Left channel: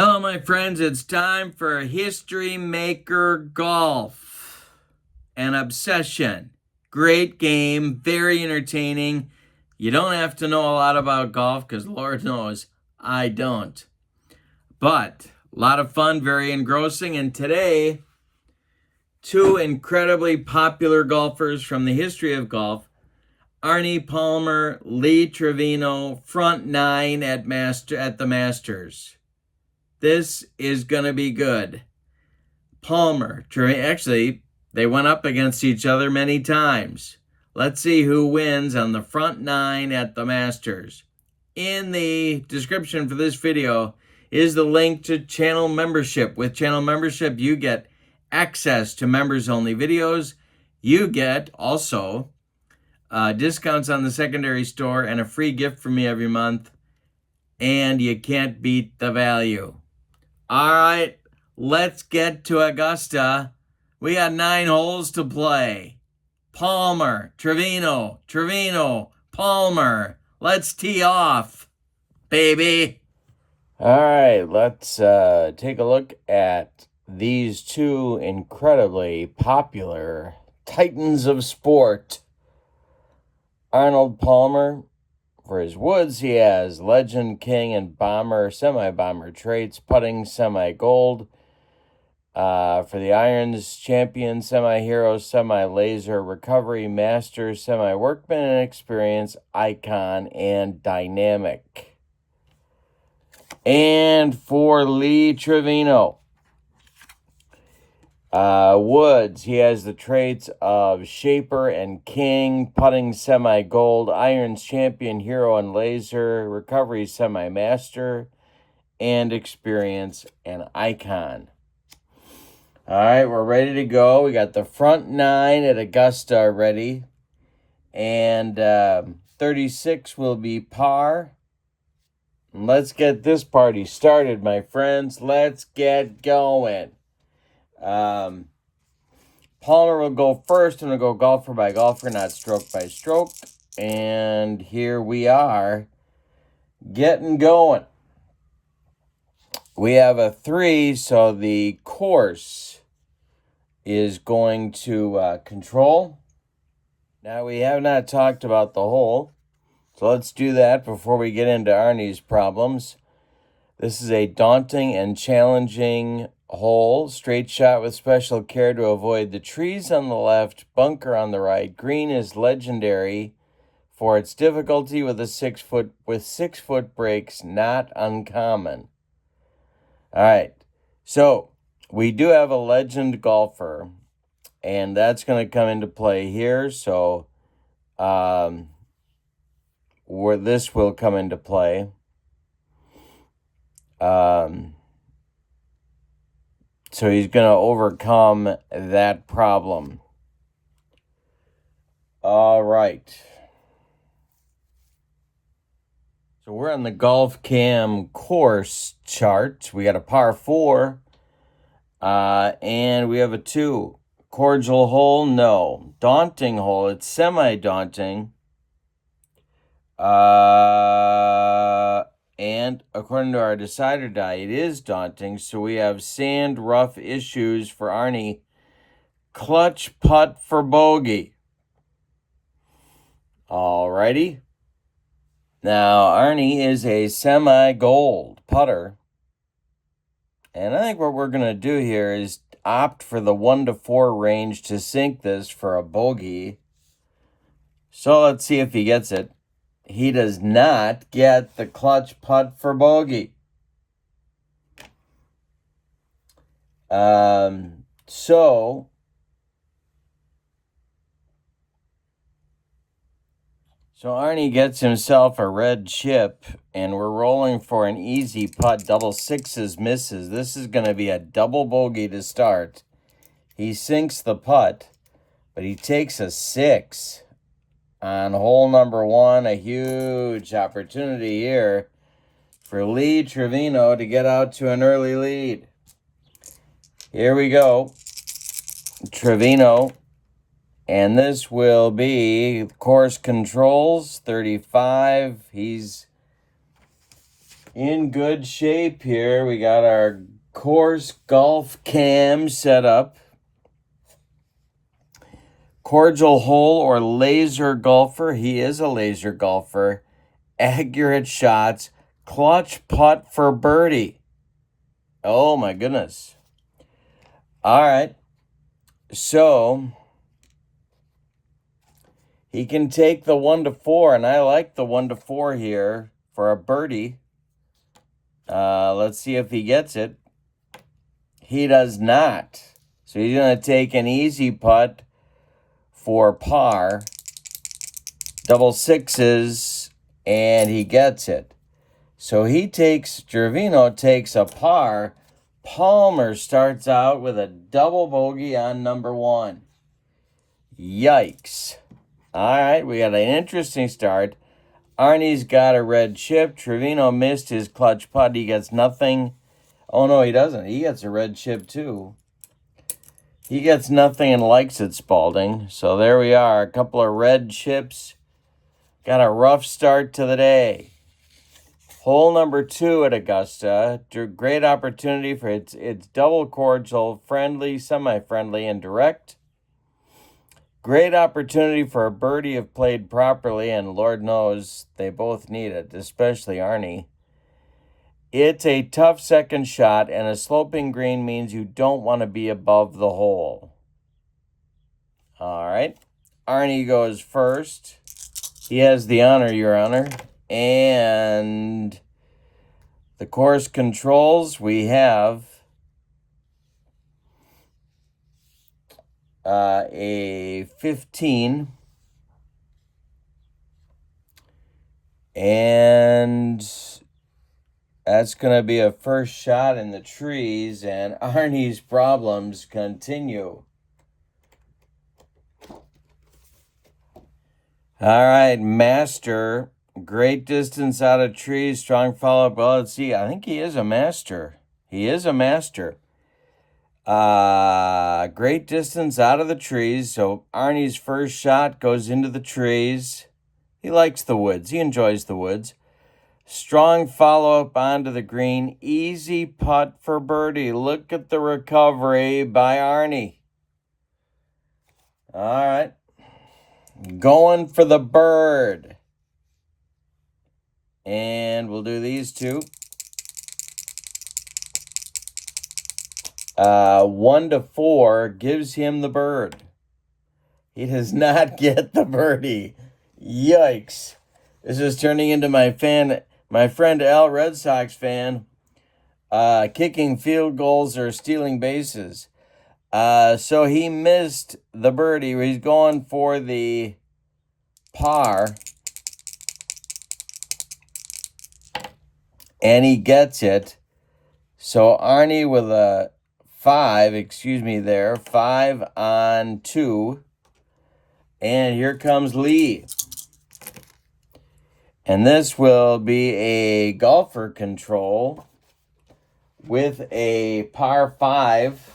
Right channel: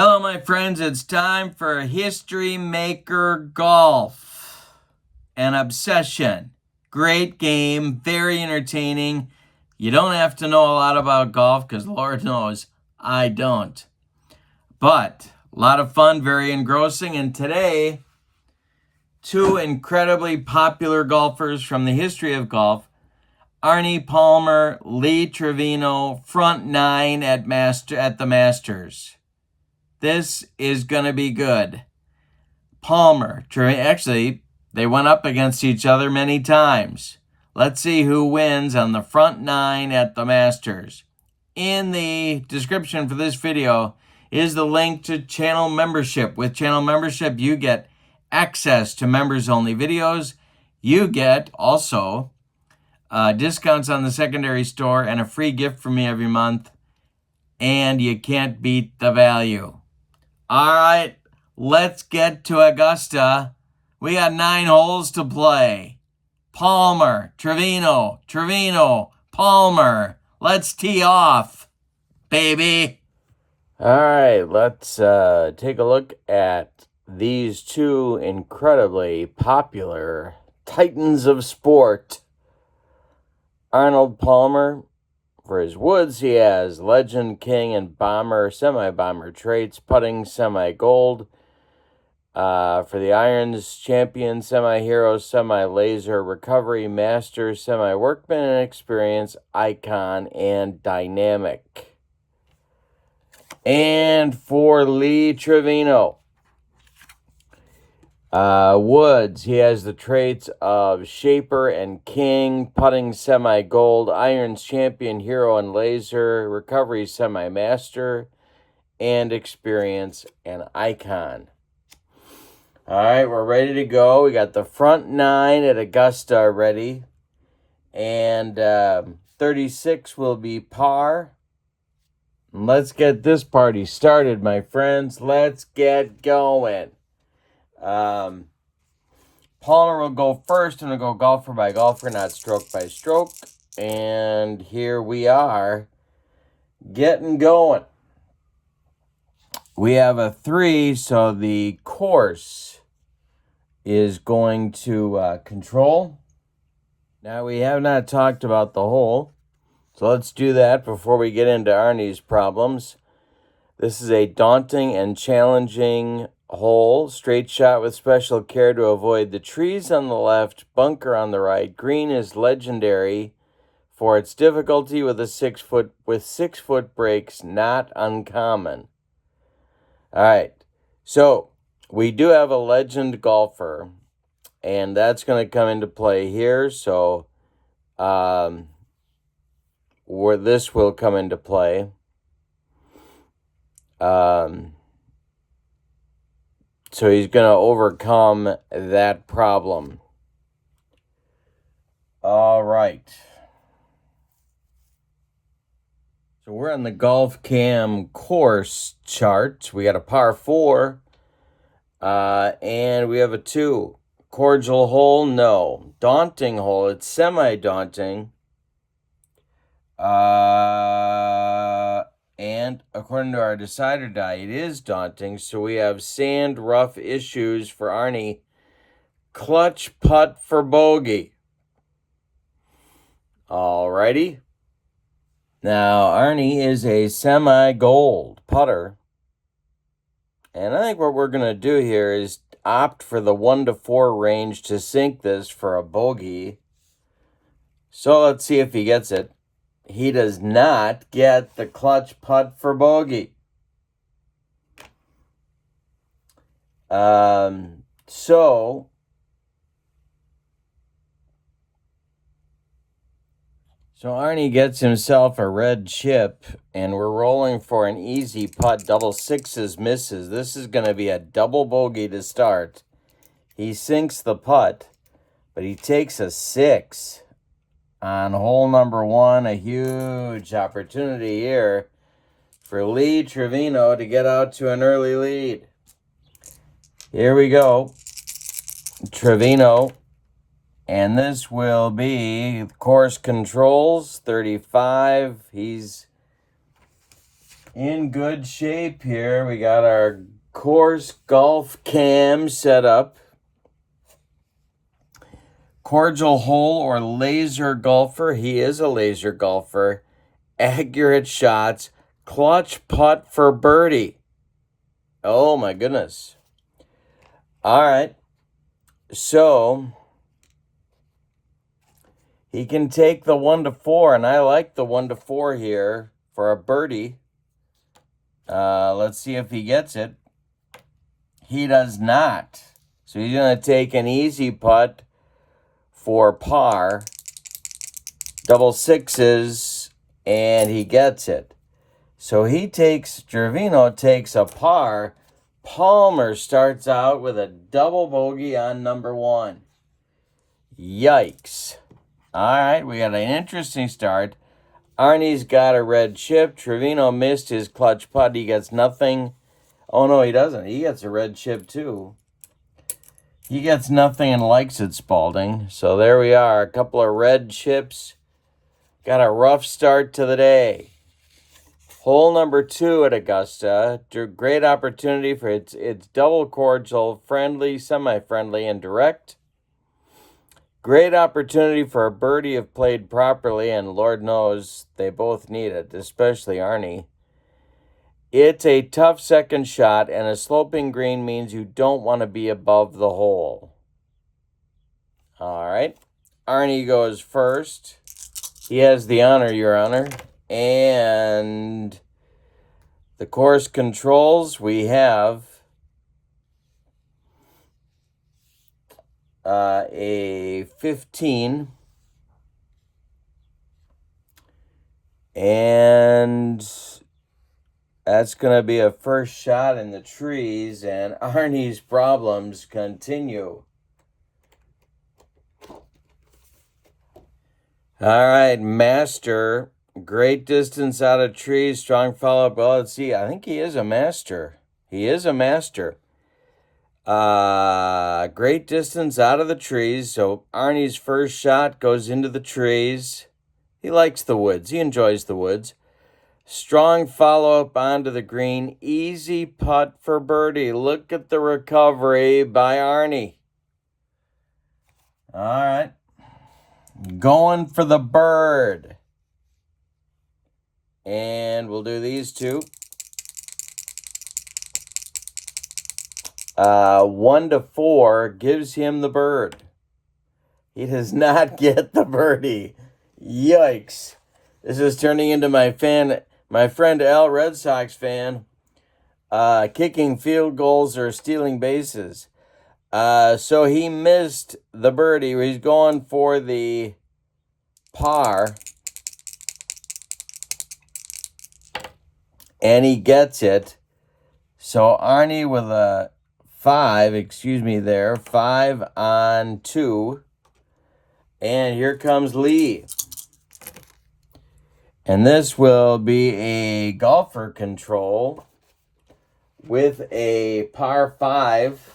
Hello, my friends. It's time for History Maker Golf. An obsession. Great game, very entertaining. You don't have to know a lot about golf because Lord knows I don't. But a lot of fun, very engrossing. And today, two incredibly popular golfers from the history of golf, Arnie Palmer, Lee Trevino, front nine at the Masters. This is going to be good. Palmer, actually, they went up against each other many times. Let's see who wins on the front nine at the Masters. In the description for this video is the link to channel membership. With channel membership, you get access to members-only videos. You get also discounts on the secondary store and a free gift from me every month. And you can't beat the value. All right, let's get to Augusta. We got 9 holes to play. Palmer, Trevino, Palmer. Let's tee off, baby. All right, let's take a look at these two incredibly popular titans of sport. Arnold Palmer. For his woods, he has legend, king, and bomber, semi-bomber traits, putting, semi-gold. For the irons, champion, semi-hero, semi-laser, recovery, master, semi-workman, and experience, icon, and dynamic. And for Lee Trevino, woods, he has the traits of shaper and king, putting semi-gold, irons champion, hero, and laser, recovery semi-master, and experience and icon. All right, we're ready to go. We got the front 9 at Augusta ready, and 36 will be par. Let's get this party started, my friends. Let's get going. Palmer will go first, and we'll go golfer by golfer, not stroke by stroke. And here we are, getting going. We have a 3, so the course is going to control. Now, we have not talked about the hole, so let's do that before we get into Arnie's problems. This is a daunting and challenging hole, straight shot with special care to avoid the trees on the left, bunker on the right. Green is legendary for its difficulty with 6 foot breaks, not uncommon. All right, so we do have a legend golfer, and that's going to come into play here. So where this will come into play. So he's going to overcome that problem. All right. So we're on the Golf Cam course chart. We got a par 4. And we have a 2. Cordial hole? No. Daunting hole? It's semi-daunting. And according to our decider die, it is daunting. So we have sand, rough issues for Arnie. Clutch putt for bogey. Alrighty. Now, Arnie is a semi-gold putter. And I think what we're going to do here is opt for the 1 to 4 range to sink this for a bogey. So let's see if he gets it. He does not get the clutch putt for bogey. So Arnie gets himself a red chip, and we're rolling for an easy putt. Double sixes misses. This is going to be a double bogey to start. He sinks the putt, but he takes a 6. On hole number 1, a huge opportunity here for Lee Trevino to get out to an early lead. Here we go. Trevino. And this will be course controls, 35. He's in good shape here. We got our course golf cam set up. Cordial hole or laser golfer. He is a laser golfer. Accurate shots. Clutch putt for birdie. Oh my goodness. All right. So he can take the 1 to 4, and I like the 1 to 4 here for a birdie. Let's see if he gets it. He does not. So he's going to take an easy putt for par. Double sixes, and he gets it. So Trevino takes a par. Palmer starts out with a double bogey on number 1. Yikes. All right, we got an interesting start. Arnie's got a red chip. Trevino missed his clutch putt. He gets nothing. Oh, no, he doesn't. He gets a red chip, too. He gets nothing and likes it, Spalding. So there we are. A couple of red chips. Got a rough start to the day. Hole number 2 at Augusta. Great opportunity for it's double cordial, friendly, semi-friendly, and direct. Great opportunity for a birdie if played properly, and Lord knows they both need it, especially Arnie. It's a tough second shot, and a sloping green means you don't want to be above the hole. All right. Arnie goes first. He has the honor, Your Honor. And the course controls, we have a 15. And that's going to be a first shot in the trees, and Arnie's problems continue. All right, master. Great distance out of trees, strong follow-up. Well, let's see. I think he is a master. He is a master. Great distance out of the trees. So Arnie's first shot goes into the trees. He likes the woods. He enjoys the woods. Strong follow-up onto the green. Easy putt for birdie. Look at the recovery by Arnie. All right. Going for the bird. And we'll do these two. 1 to 4 gives him the bird. He does not get the birdie. Yikes. This is turning into my friend Al, Red Sox fan, kicking field goals or stealing bases. So he missed the birdie. He's going for the par. And he gets it. So Arnie with a 5 on 2. And here comes Lee. And this will be a golfer control with a par 5.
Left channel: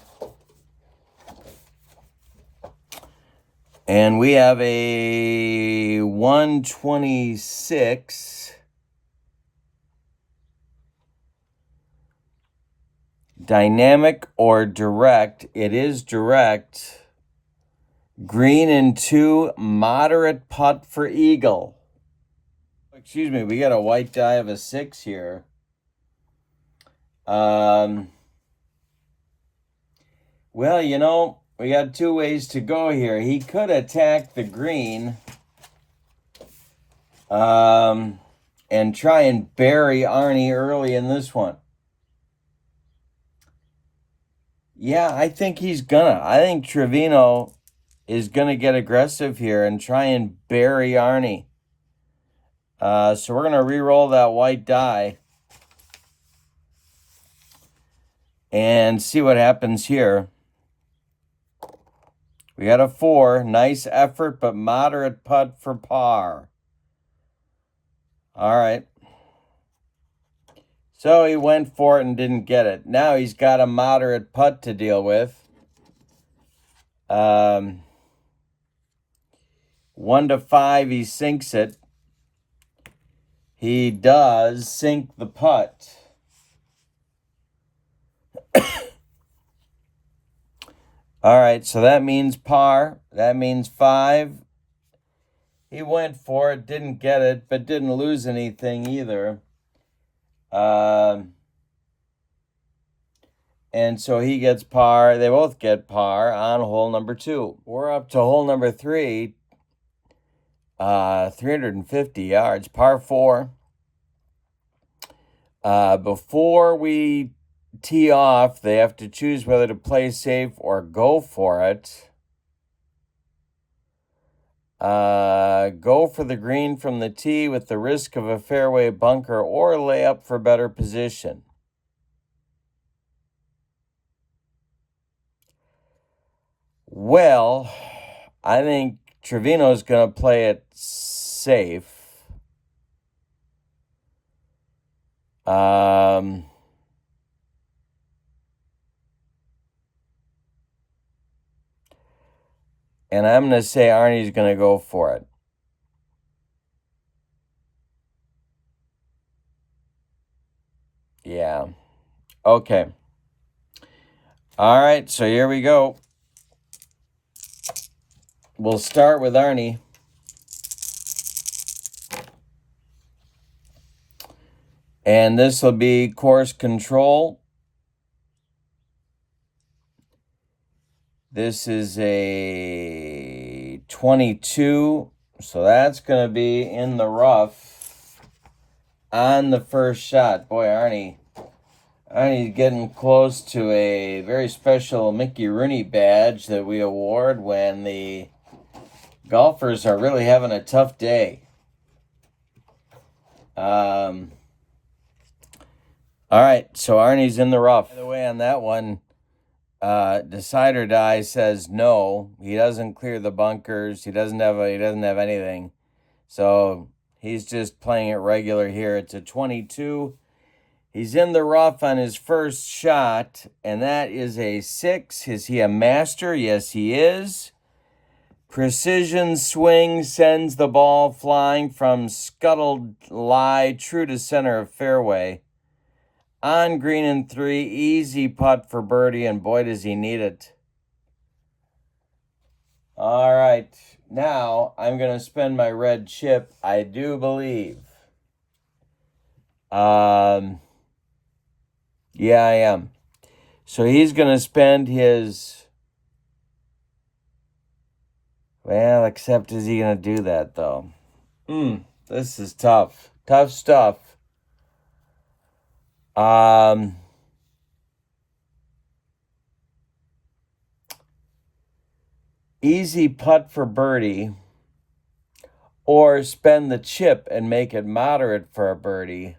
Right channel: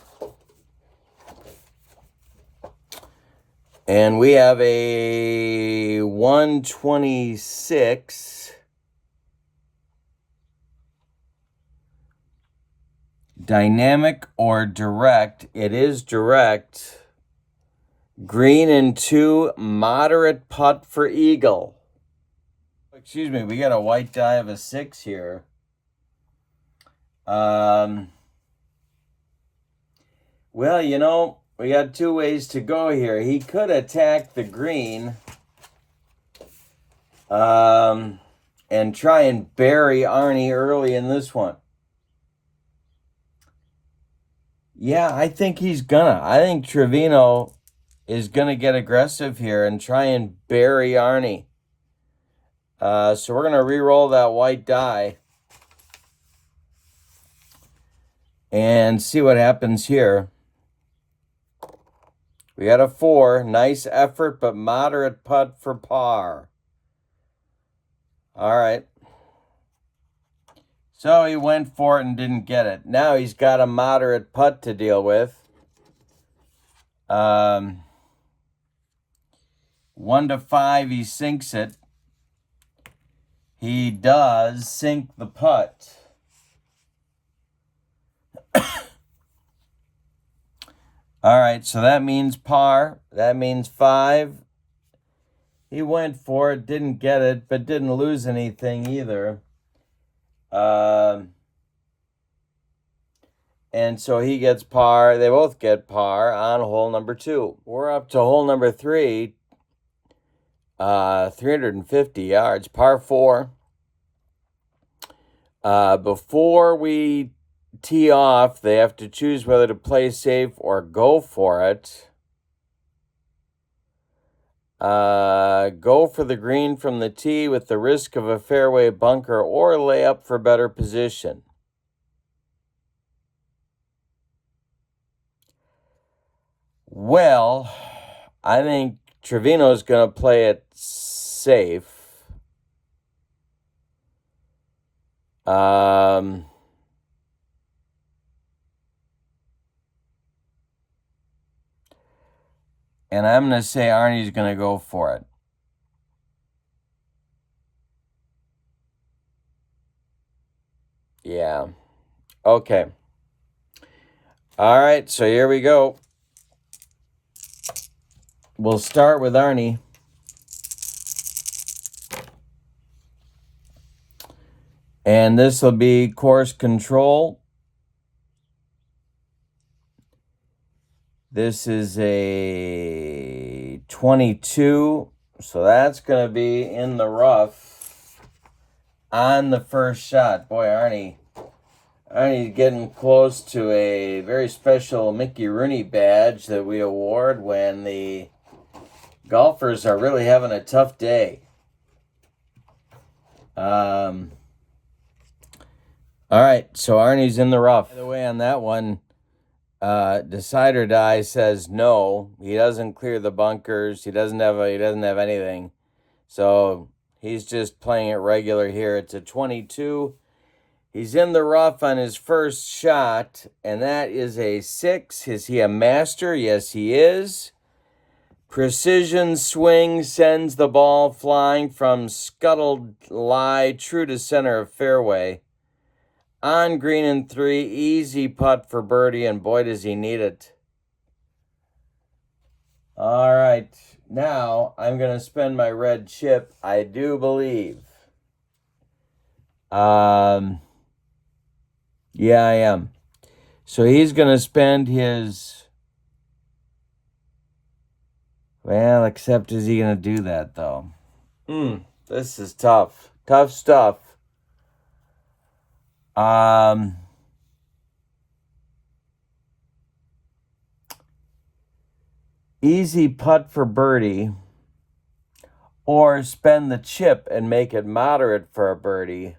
And we have a 126. Dynamic or direct? It is direct. Green and 2, moderate putt for eagle. Excuse me, we got a white die of a 6 here. Well, you know, we got 2 ways to go here. He could attack the green and try and bury Arnie early in this one. Yeah, I think he's gonna. I think Trevino is gonna get aggressive here and try and bury Arnie. So we're gonna re-roll that white die and see what happens here. We got a 4. Nice effort, but moderate putt for par. All right. So he went for it and didn't get it. Now he's got a moderate putt to deal with. 1 to 5, he sinks it. He does sink the putt. All right, so that means par. That means 5. He went for it, didn't get it, but didn't lose anything either. And so he gets par. They both get par on hole number 2. We're up to hole number 3, 350 yards, par 4. Before we tee off, they have to choose whether to play safe or go for it. Go for the green from the tee with the risk of a fairway bunker, or lay up for better position. Well, I think Trevino's going to play it safe. And I'm going to say Arnie's going to go for it. Yeah. Okay. All right, so here we go. We'll start with Arnie. And this will be course control. This is a 22, so that's going to be in the rough on the first shot. Boy, Arnie's getting close to a very special Mickey Rooney badge that we award when the golfers are really having a tough day. All right, so Arnie's in the rough. By the way, on that one, Decide or Die says no. He doesn't clear the bunkers. He doesn't have anything. So he's just playing it regular here. It's a 22. He's in the rough on his first shot, and that is a 6. Is he a master? Yes, he is. Precision swing sends the ball flying from scuttled lie true to center of fairway. On green in 3, easy putt for birdie, and boy, does he need it. All right, now I'm going to spend my red chip, I do believe. Yeah, I am. So he's going to spend his... Well, except is he going to do that, though? This is tough. Tough stuff. Easy putt for birdie, or spend the chip and make it moderate for a birdie.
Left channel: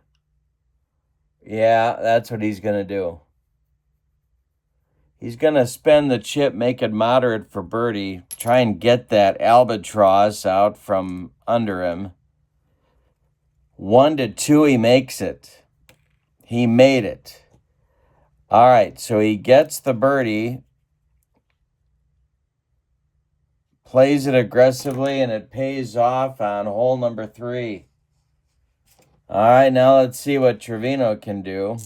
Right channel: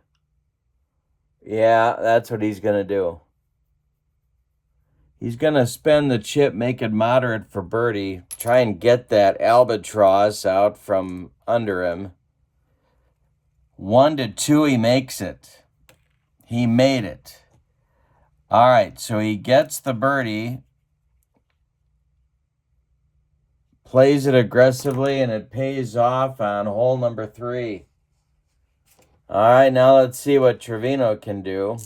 Yeah, that's what he's going to do. He's going to spend the chip, make it moderate for birdie, try and get that albatross out from under him. 1 to 2, he makes it. He made it. All right, so he gets the birdie, plays it aggressively, and it pays off on hole number 3. All right, now let's see what Trevino can do.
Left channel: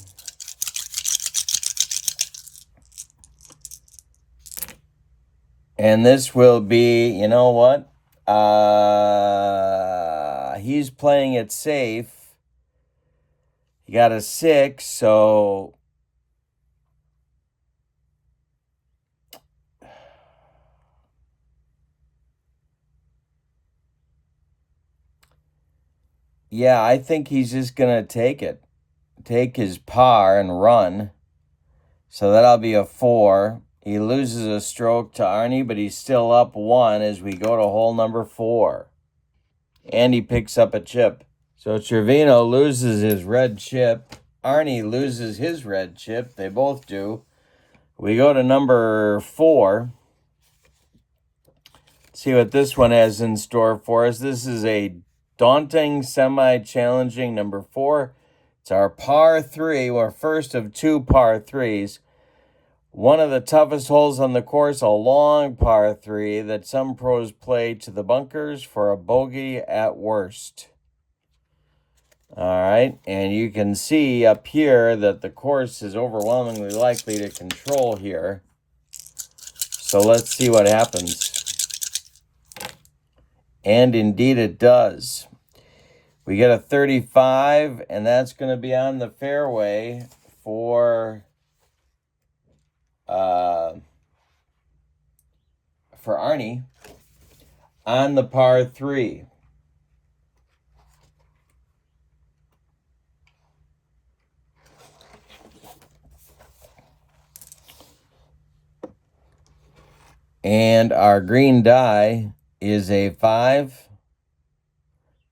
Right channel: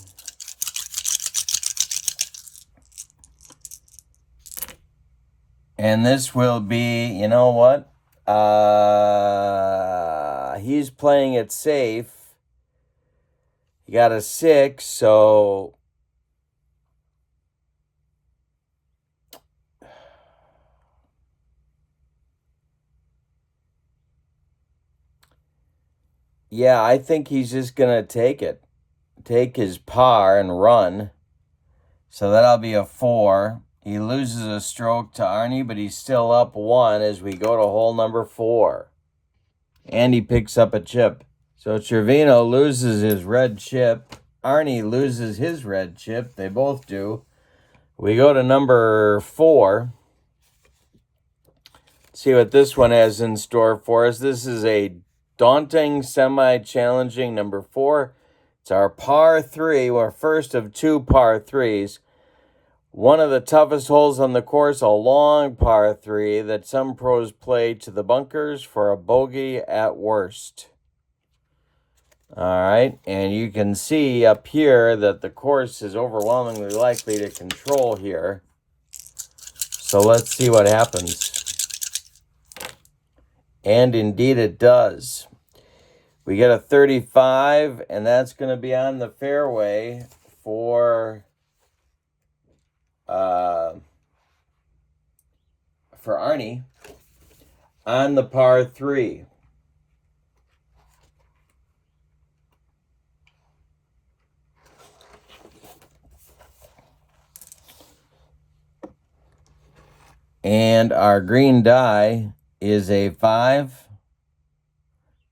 And this will be, you know what? He's playing it safe. He got a 6, so... Yeah, I think he's just going to take it. Take his par and run. So that'll be a 4. He loses a stroke to Arnie, but he's still up 1 as we go to hole number 4. And he picks up a chip. So Trevino loses his red chip. Arnie loses his red chip. They both do. We go to number 4. See what this one has in store for us. This is a daunting, semi-challenging number 4. It's our par 3, our first of 2 par 3s. One of the toughest holes on the course, a long par 3 that some pros play to the bunkers for a bogey at worst. All right, and you can see up here that the course is overwhelmingly likely to control here. So let's see what happens. And indeed it does. We get a 35, and that's going to be on the fairway for Arnie on the par 3. And our green die is a 5.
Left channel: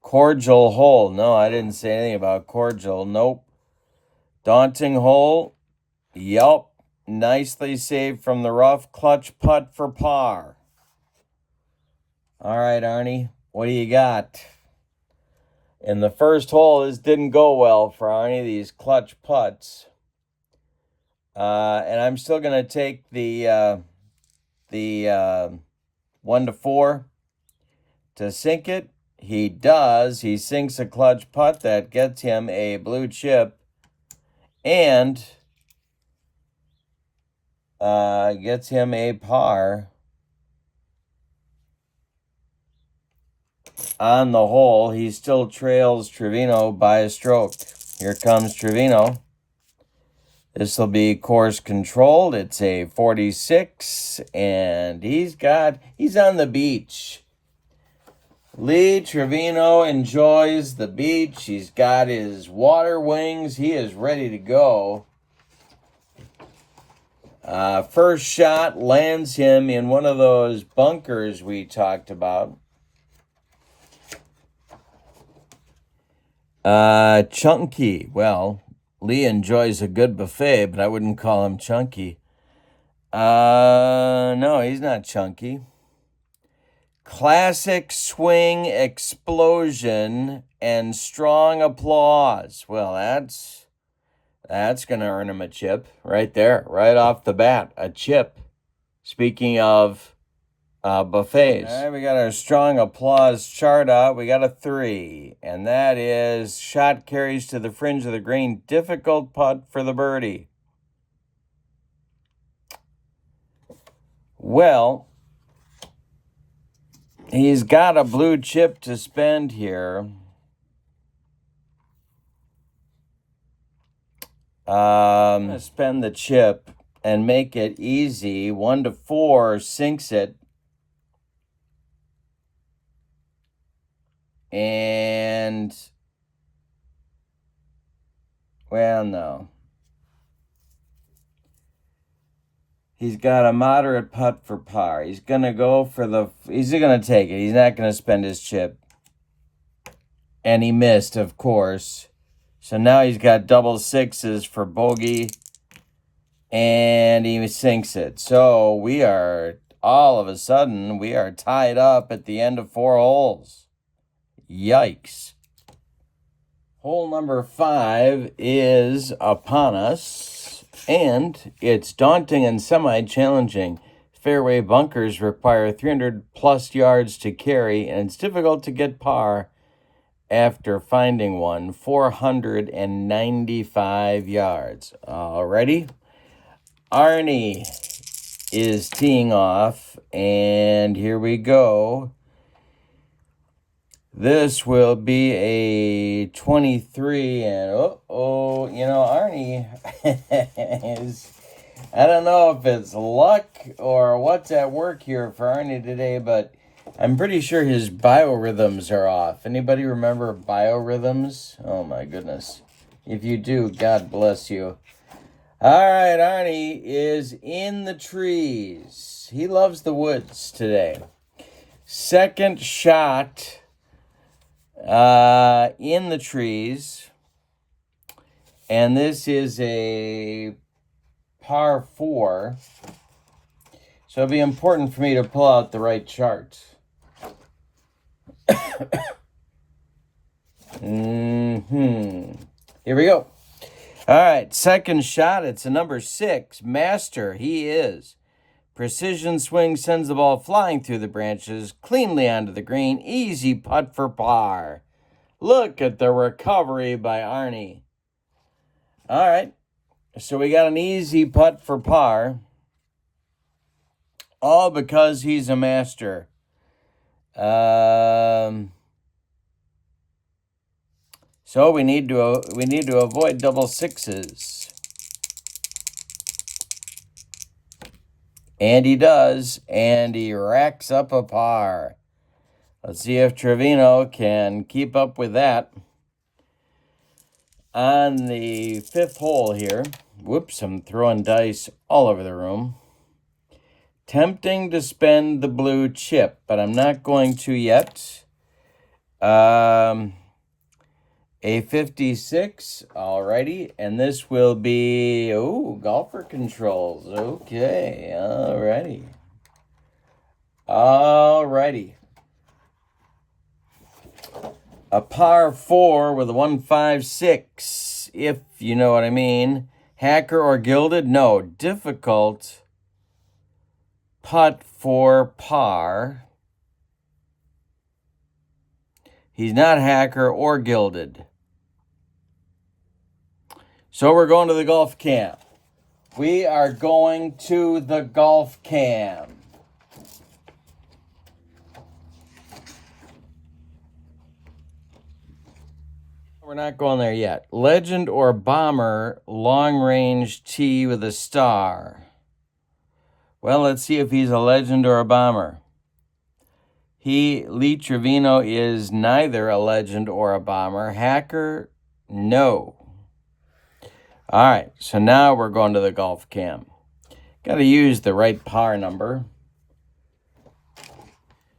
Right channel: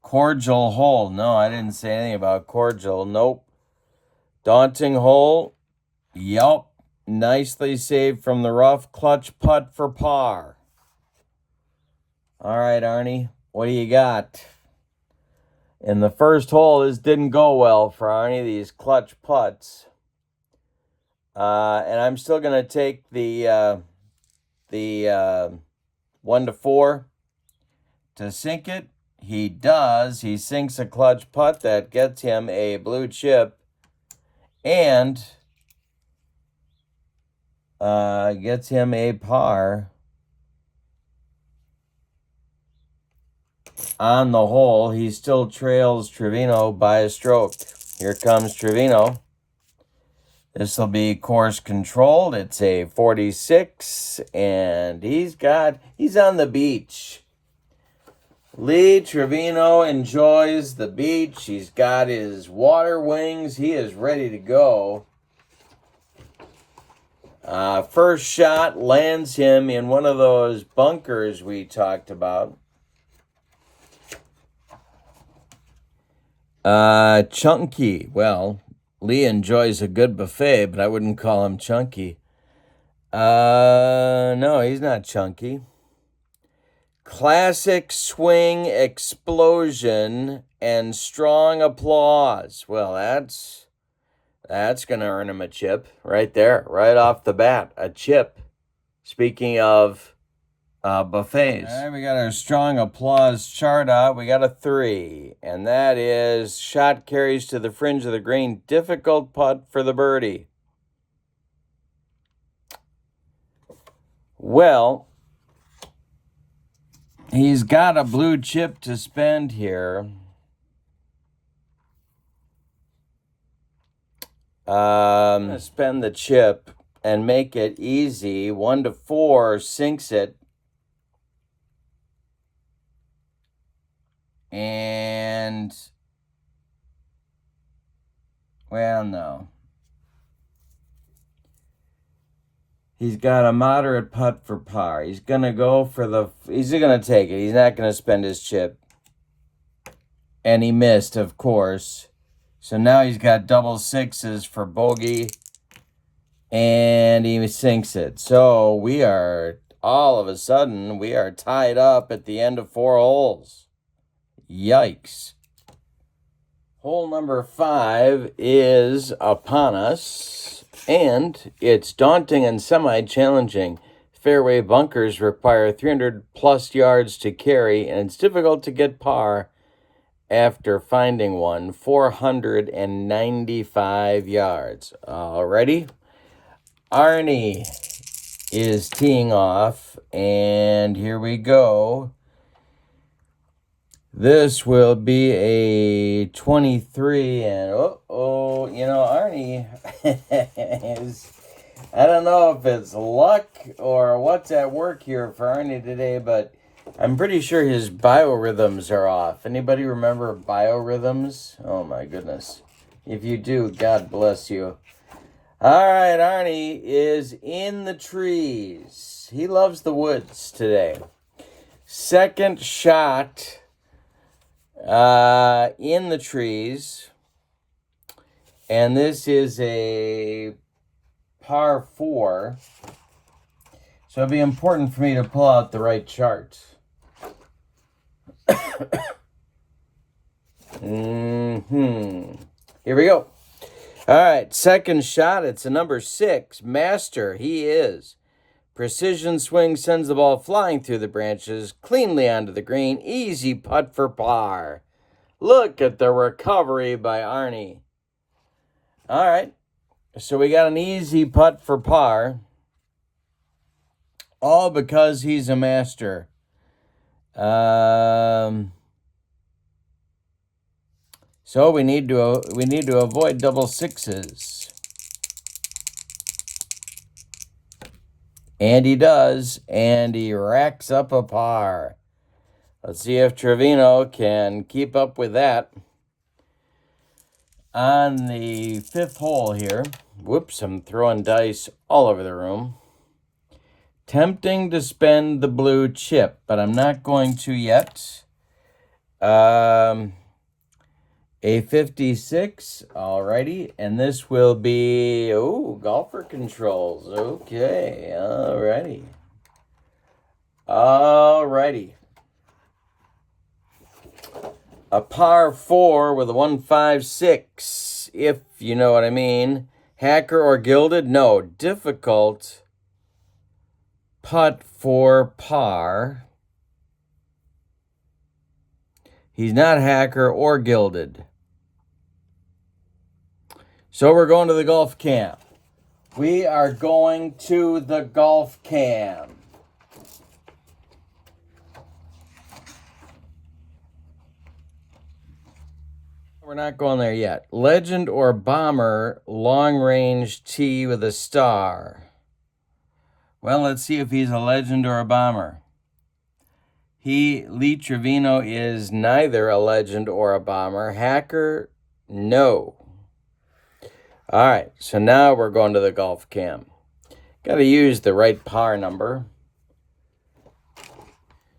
Cordial hole. No, I didn't say anything about cordial. Nope. Daunting hole. Yup. Nicely saved from the rough. Clutch putt for par. All right, Arnie. What do you got? In the first hole, this didn't go well for Arnie, these clutch putts. And I'm still going to take the 1 to 4 to sink it. He does. He sinks a clutch putt that gets him a blue chip and gets him a par on the hole. He still trails Trevino by a stroke. Here comes Trevino. This will be course controlled. It's a 46, and he's on the beach. Lee Trevino enjoys the beach. He's got his water wings. He is ready to go. First shot lands him in one of those bunkers we talked about. Chunky. Well, Lee enjoys a good buffet, but I wouldn't call him chunky. No, he's not chunky. Classic swing explosion and strong applause. Well, that's going to earn him a chip right there, right off the bat, a chip. Speaking of buffets. All right, we got our strong applause chart out. We got a 3, and that is shot carries to the fringe of the green. Difficult putt for the birdie. Well, he's got a blue chip to spend here. Spend the chip and make it easy. 1 to 4 sinks it. And, well, no. He's got a moderate putt for par. He's going to go for he's going to take it. He's not going to spend his chip. And he missed, of course. So now he's got double sixes for bogey. And he sinks it. So we are, all of a sudden, we are tied up at the end of 4 holes. Yikes. Hole number 5 is upon us, and it's daunting and semi-challenging. Fairway bunkers require 300-plus yards to carry, and it's difficult to get par after finding one. 495 yards. Alrighty. Arnie is teeing off, and here we go. This will be a 23, and Arnie is, I don't know if it's luck or what's at work here for Arnie today, but I'm pretty sure his biorhythms are off. Anybody remember biorhythms? Oh my goodness. If you do, God bless you. All right, Arnie is in the trees. He loves the woods today. Second shot in the trees, and this is a par 4, so it'll be important for me to pull out the right chart. Here we go. All right, second shot. It's a number 6. Master, he is. Precision swing sends the ball flying through the branches, cleanly onto the green. Easy putt for par. Look at the recovery by Arnie. All right. So we got an easy putt for par. All because he's a master. So we need to avoid double sixes. And he does, and he racks up a par. Let's see if Trevino can keep up with that. On the fifth hole here, whoops, I'm throwing dice all over the room. Tempting to spend the blue chip, but I'm not going to yet. A 56, alrighty, and this will be, golfer controls, okay, alrighty. A par 4 with a 156, if you know what I mean. Hacker or gilded? No, difficult putt for par. He's not hacker or gilded. So we're going to the golf cam. We are going to the golf cam. We're not going there yet. Legend or bomber, long range tee with a star. Well, let's see if he's a legend or a bomber. Lee Trevino is neither a legend or a bomber. Hacker, no. All right, so now we're going to the golf cam. Got to use the right par number.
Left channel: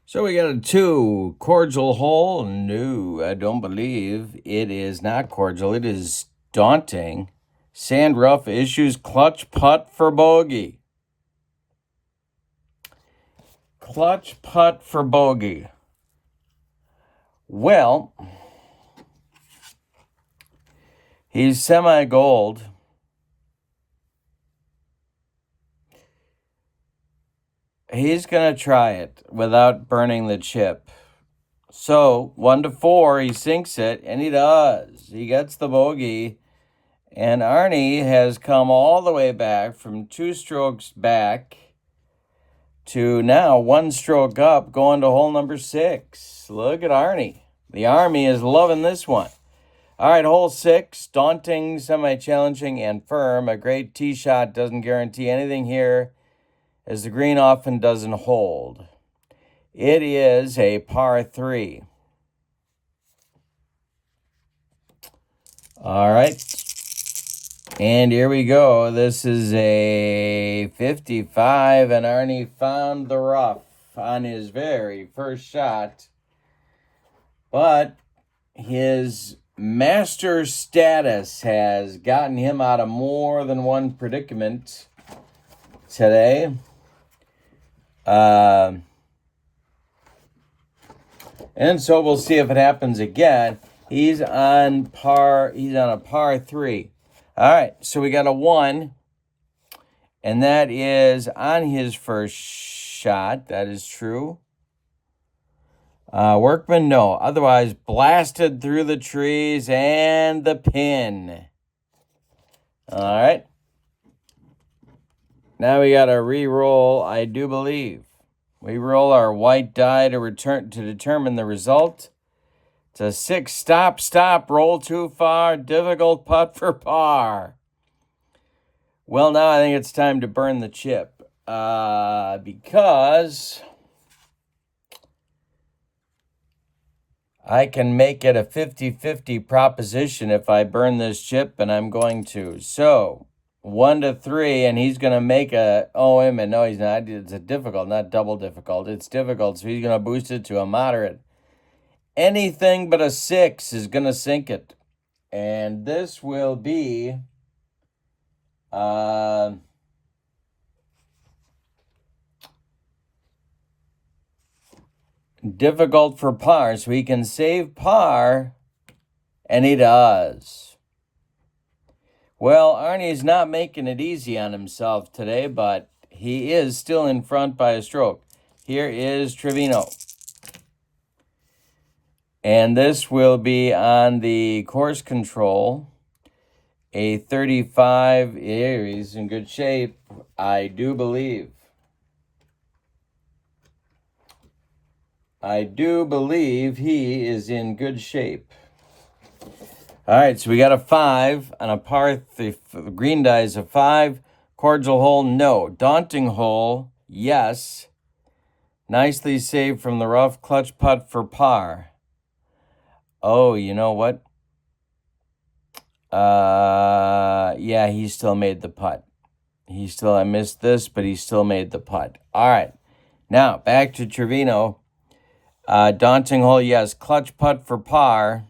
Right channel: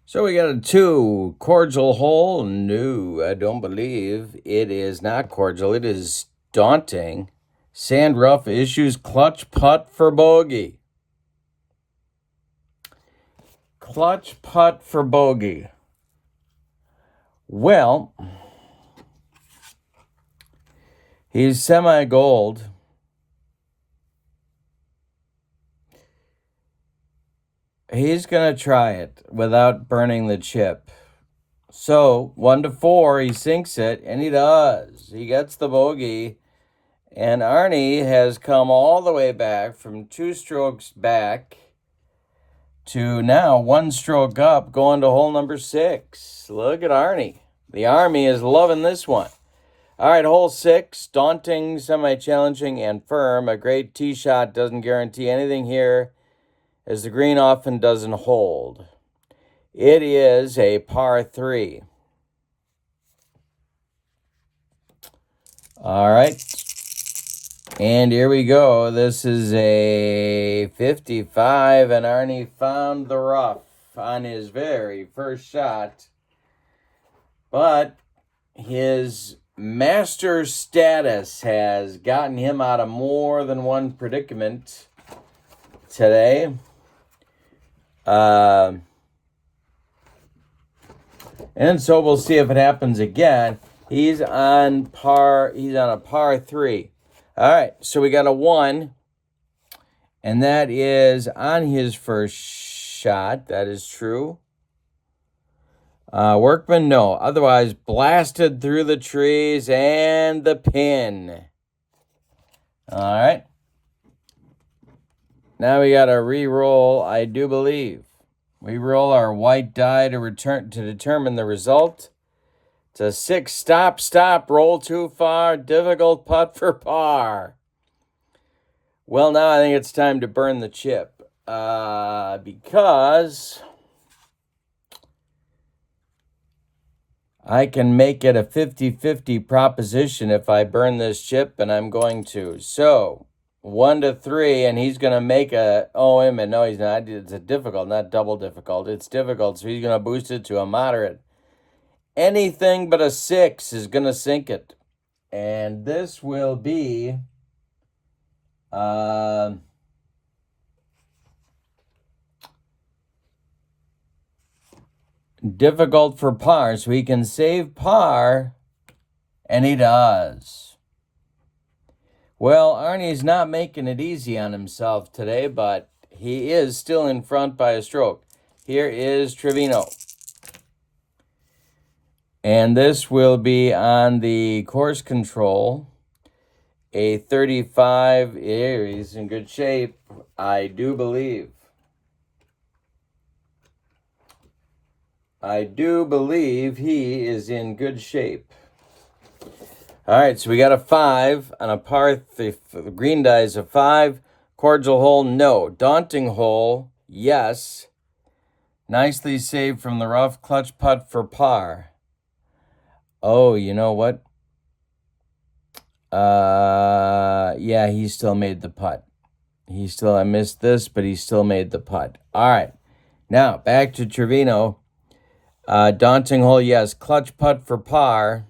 So we got a 2, cordial hole. No, I don't believe it is not cordial. It is daunting. Sand rough issues, clutch putt for bogey. Clutch putt for bogey. Well, he's semi-gold. He's going to try it without burning the chip. So, 1 to 4, he sinks it, and he does. He gets the bogey. And Arnie has come all the way back from 2 strokes back to now 1 stroke up, going to hole number 6. Look at Arnie. The Army is loving this one. All right, hole 6, daunting, semi-challenging, and firm. A great tee shot doesn't guarantee anything here, as the green often doesn't hold. It is a par 3. All right. And here we go. This is a 55, and Arnie found the rough on his very first shot. But his master status has gotten him out of more than one predicament today. And so we'll see if it happens again. He's on a par 3. All right, so we got a 1, and that is on his first shot. That is true. Workman, no. Otherwise, blasted through the trees and the pin. All right. Now we got to re-roll, I do believe. We roll our white die to determine the result. It's a 6, stop, roll too far, difficult putt for par. Well, now I think it's time to burn the chip. Because I can make it a 50-50 proposition if I burn this chip, and I'm going to. So, 1 to 3, and he's going to make a, wait a minute, no, he's not. It's a difficult, not double difficult. It's difficult, so he's going to boost it to a moderate. Anything but a 6 is going to sink it. And this will be difficult for par. So he can save par, and he does. Well, Arnie's not making it easy on himself today, but he is still in front by a stroke. Here is Trevino. And this will be on the course control. A 35. Here, he's in good shape, I do believe. I do believe he is in good shape. All right, so we got a 5 on a par 3. The green die is a 5. Cordial hole, no. Daunting hole, yes. Nicely saved from the rough. Clutch putt for par. Oh, you know what? Yeah, he still made the putt. I missed this, but he still made the putt. All right, now back to Trevino. Daunting hole, yes. Clutch putt for par.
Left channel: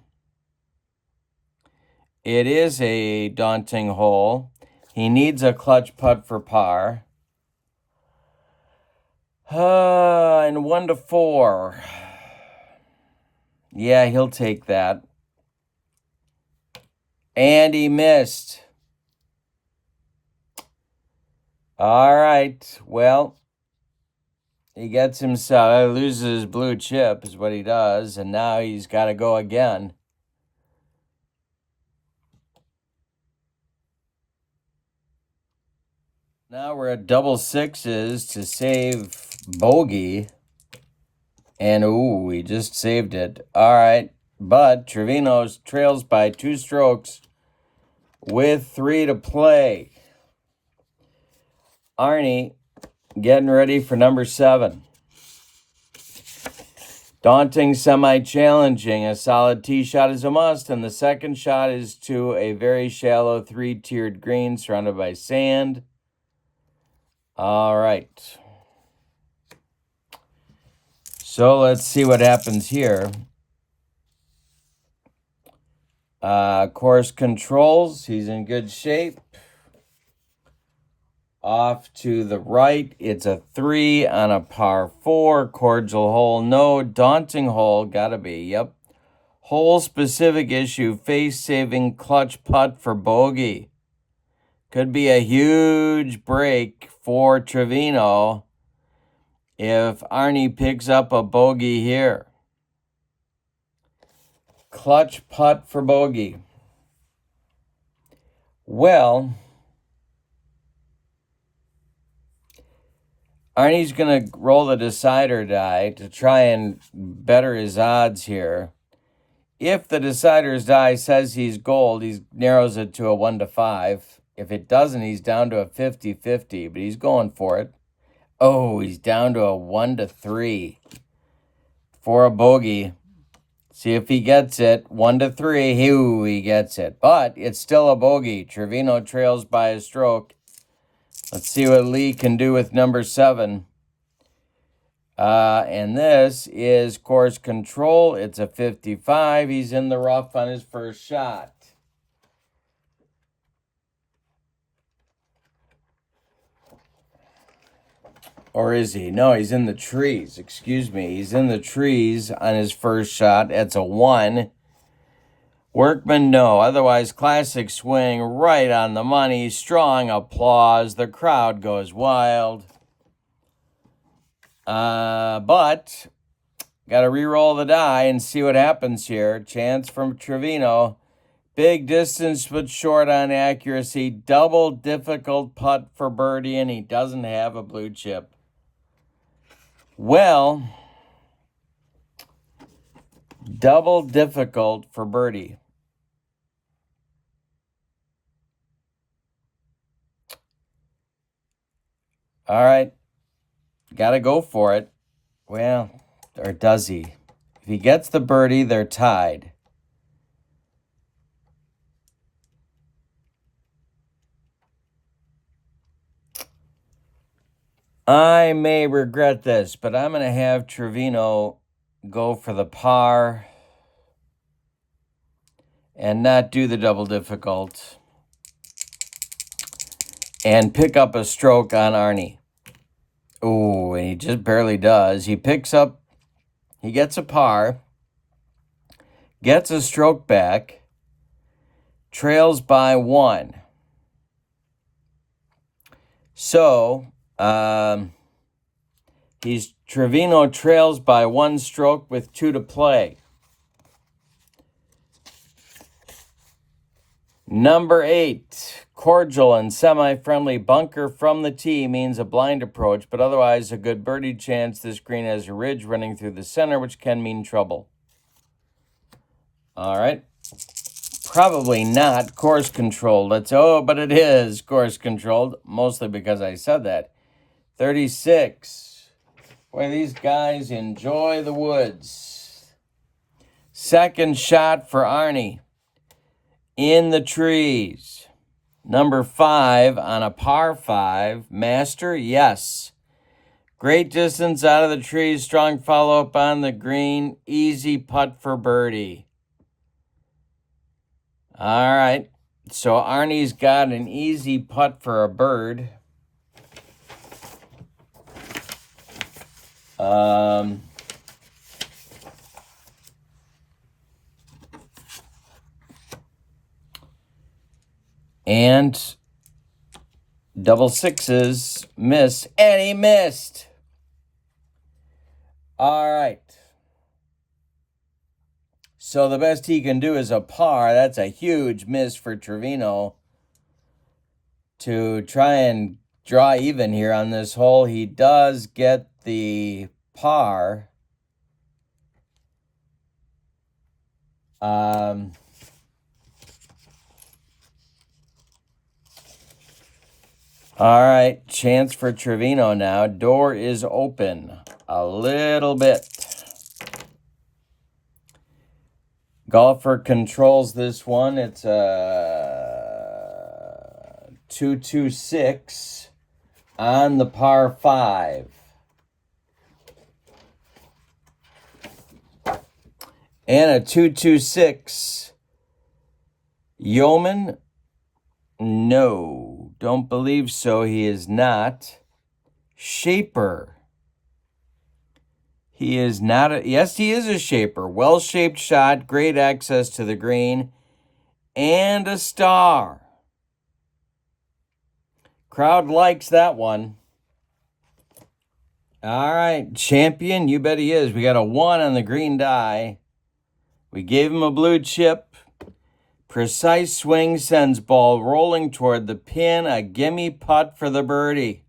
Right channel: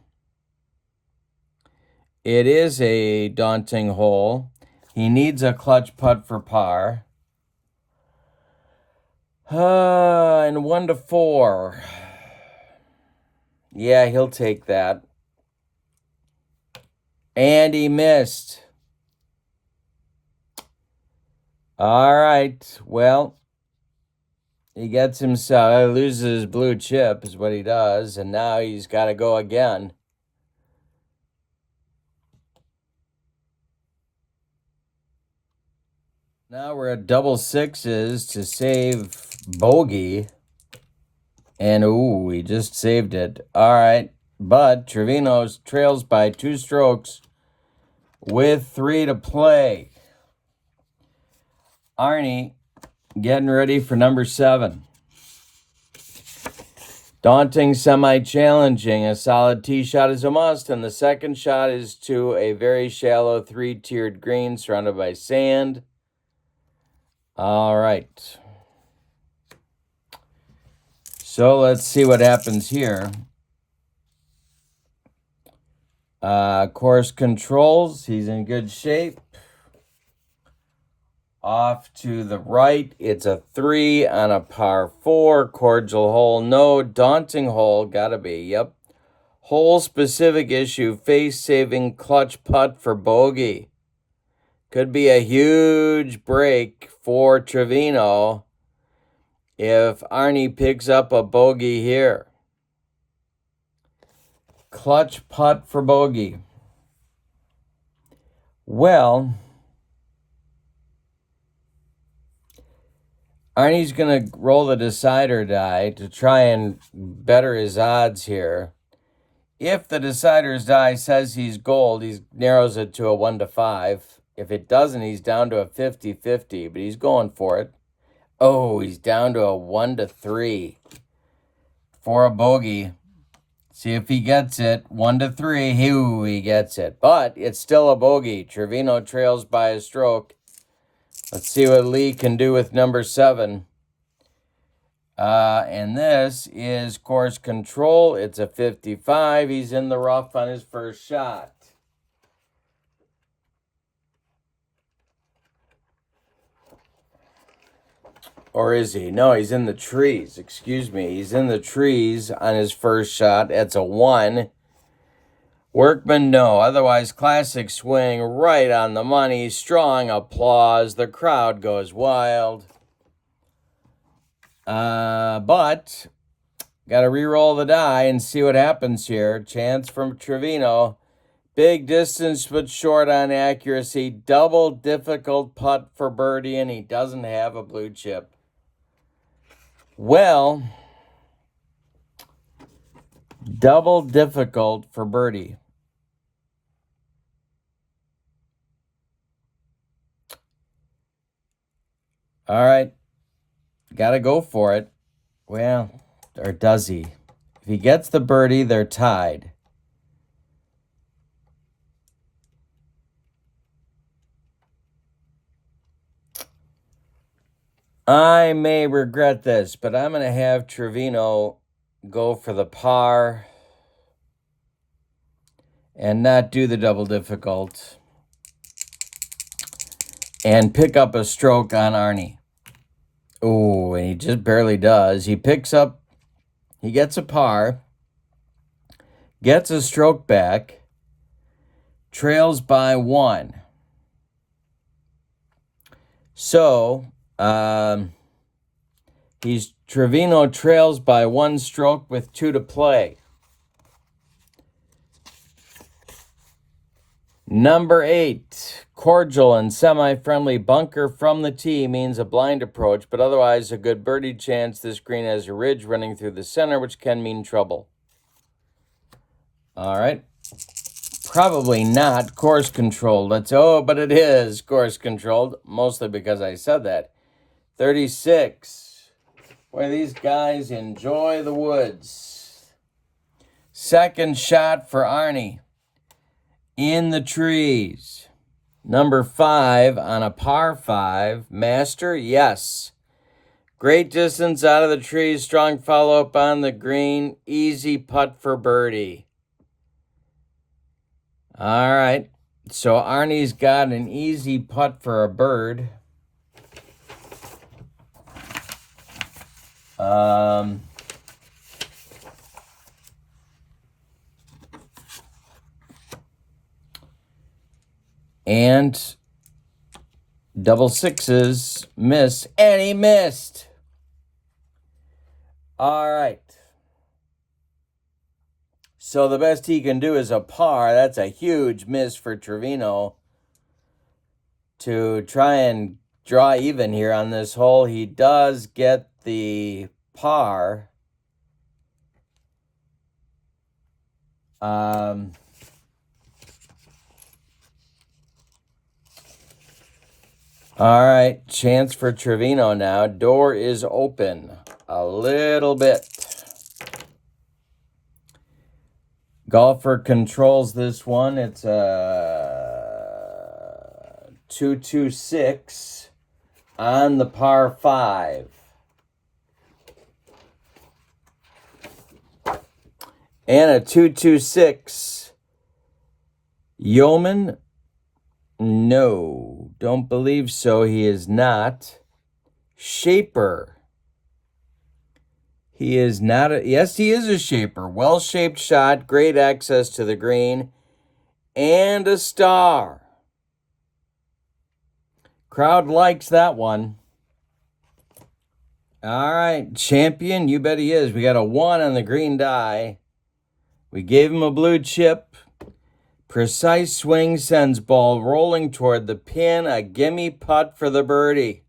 It is a daunting hole. He needs a clutch putt for par. And 1 to 4. Yeah, he'll take that. And he missed. All right, well, he gets himself, loses his blue chip is what he does, and now he's got to go again. Now we're at double sixes to save bogey. And, ooh, he just saved it. All right, but Trevino trails by 2 strokes with 3 to play. Arnie getting ready for number 7. Daunting, semi-challenging. A solid tee shot is a must, and the second shot is to a very shallow 3-tiered green surrounded by sand. All right. So let's see what happens here. Course controls. He's in good shape. Off to the right. It's a 3 on a par 4. Cordial hole, no. Daunting hole, gotta be, yep. Hole specific issue. Face saving clutch putt for bogey. Could be a huge break for Trevino if Arnie picks up a bogey here. Clutch putt for bogey. Well, Arnie's going to roll the decider die to try and better his odds here. If the decider's die says he's gold, he narrows it to a 1 to 5. If it doesn't, he's down to a 50-50, but he's going for it. Oh, he's down to a 1 to 3 for a bogey. See if he gets it. 1 to 3. He gets it. But it's still a bogey. Trevino trails by a stroke. Let's see what Lee can do with number 7. And this is course control. It's a 55. He's in the rough on his first shot. Or is he? No, he's in the trees. Excuse me. He's in the trees on his first shot. That's a 1. Workman, no. Otherwise, classic swing right on the money. Strong applause. The crowd goes wild. But got to re-roll the die and see what happens here. Chance from Trevino. Big distance but short on accuracy. Double difficult putt for birdie, and he doesn't have a blue chip. Well, double difficult for birdie. All right. Got to go for it. Well, or does he? If he gets the birdie, they're tied. I may regret this, but I'm going to have Trevino go for the par and not do the double difficult and pick up a stroke on Arnie. Oh, and he just barely does. He gets a par, gets a stroke back, trails by 1. So, Trevino trails by 1 stroke with 2 to play. Number 8, cordial and semi-friendly bunker from the tee means a blind approach, but otherwise a good birdie chance. This green has a ridge running through the center, which can mean trouble. All right. Probably not course controlled. But it is course controlled, mostly because I said that. 36. Boy, these guys enjoy the woods. Second shot for Arnie. In the trees. Number 5 on a par 5. Master, yes. Great distance out of the trees. Strong follow-up on the green. Easy putt for birdie. All right. So Arnie's got an easy putt for a bird. And double sixes miss, and he missed. All right. So the best he can do is a par. That's a huge miss for Trevino to try and draw even here on this hole. He does get the par. All right, chance for Trevino now. Door is open a little bit. Golfer controls this one. It's a 226 on the par 5. And a 226. Yeoman? No, don't believe so. He is not. Shaper. He is not. Yes, he is a shaper. Well-shaped shot, great access to the green, and a star. Crowd likes that one. All right, champion, you bet he is. We got a 1 on the green die. We gave him a blue chip. Precise swing sends ball rolling toward the pin. A gimme putt for the birdie.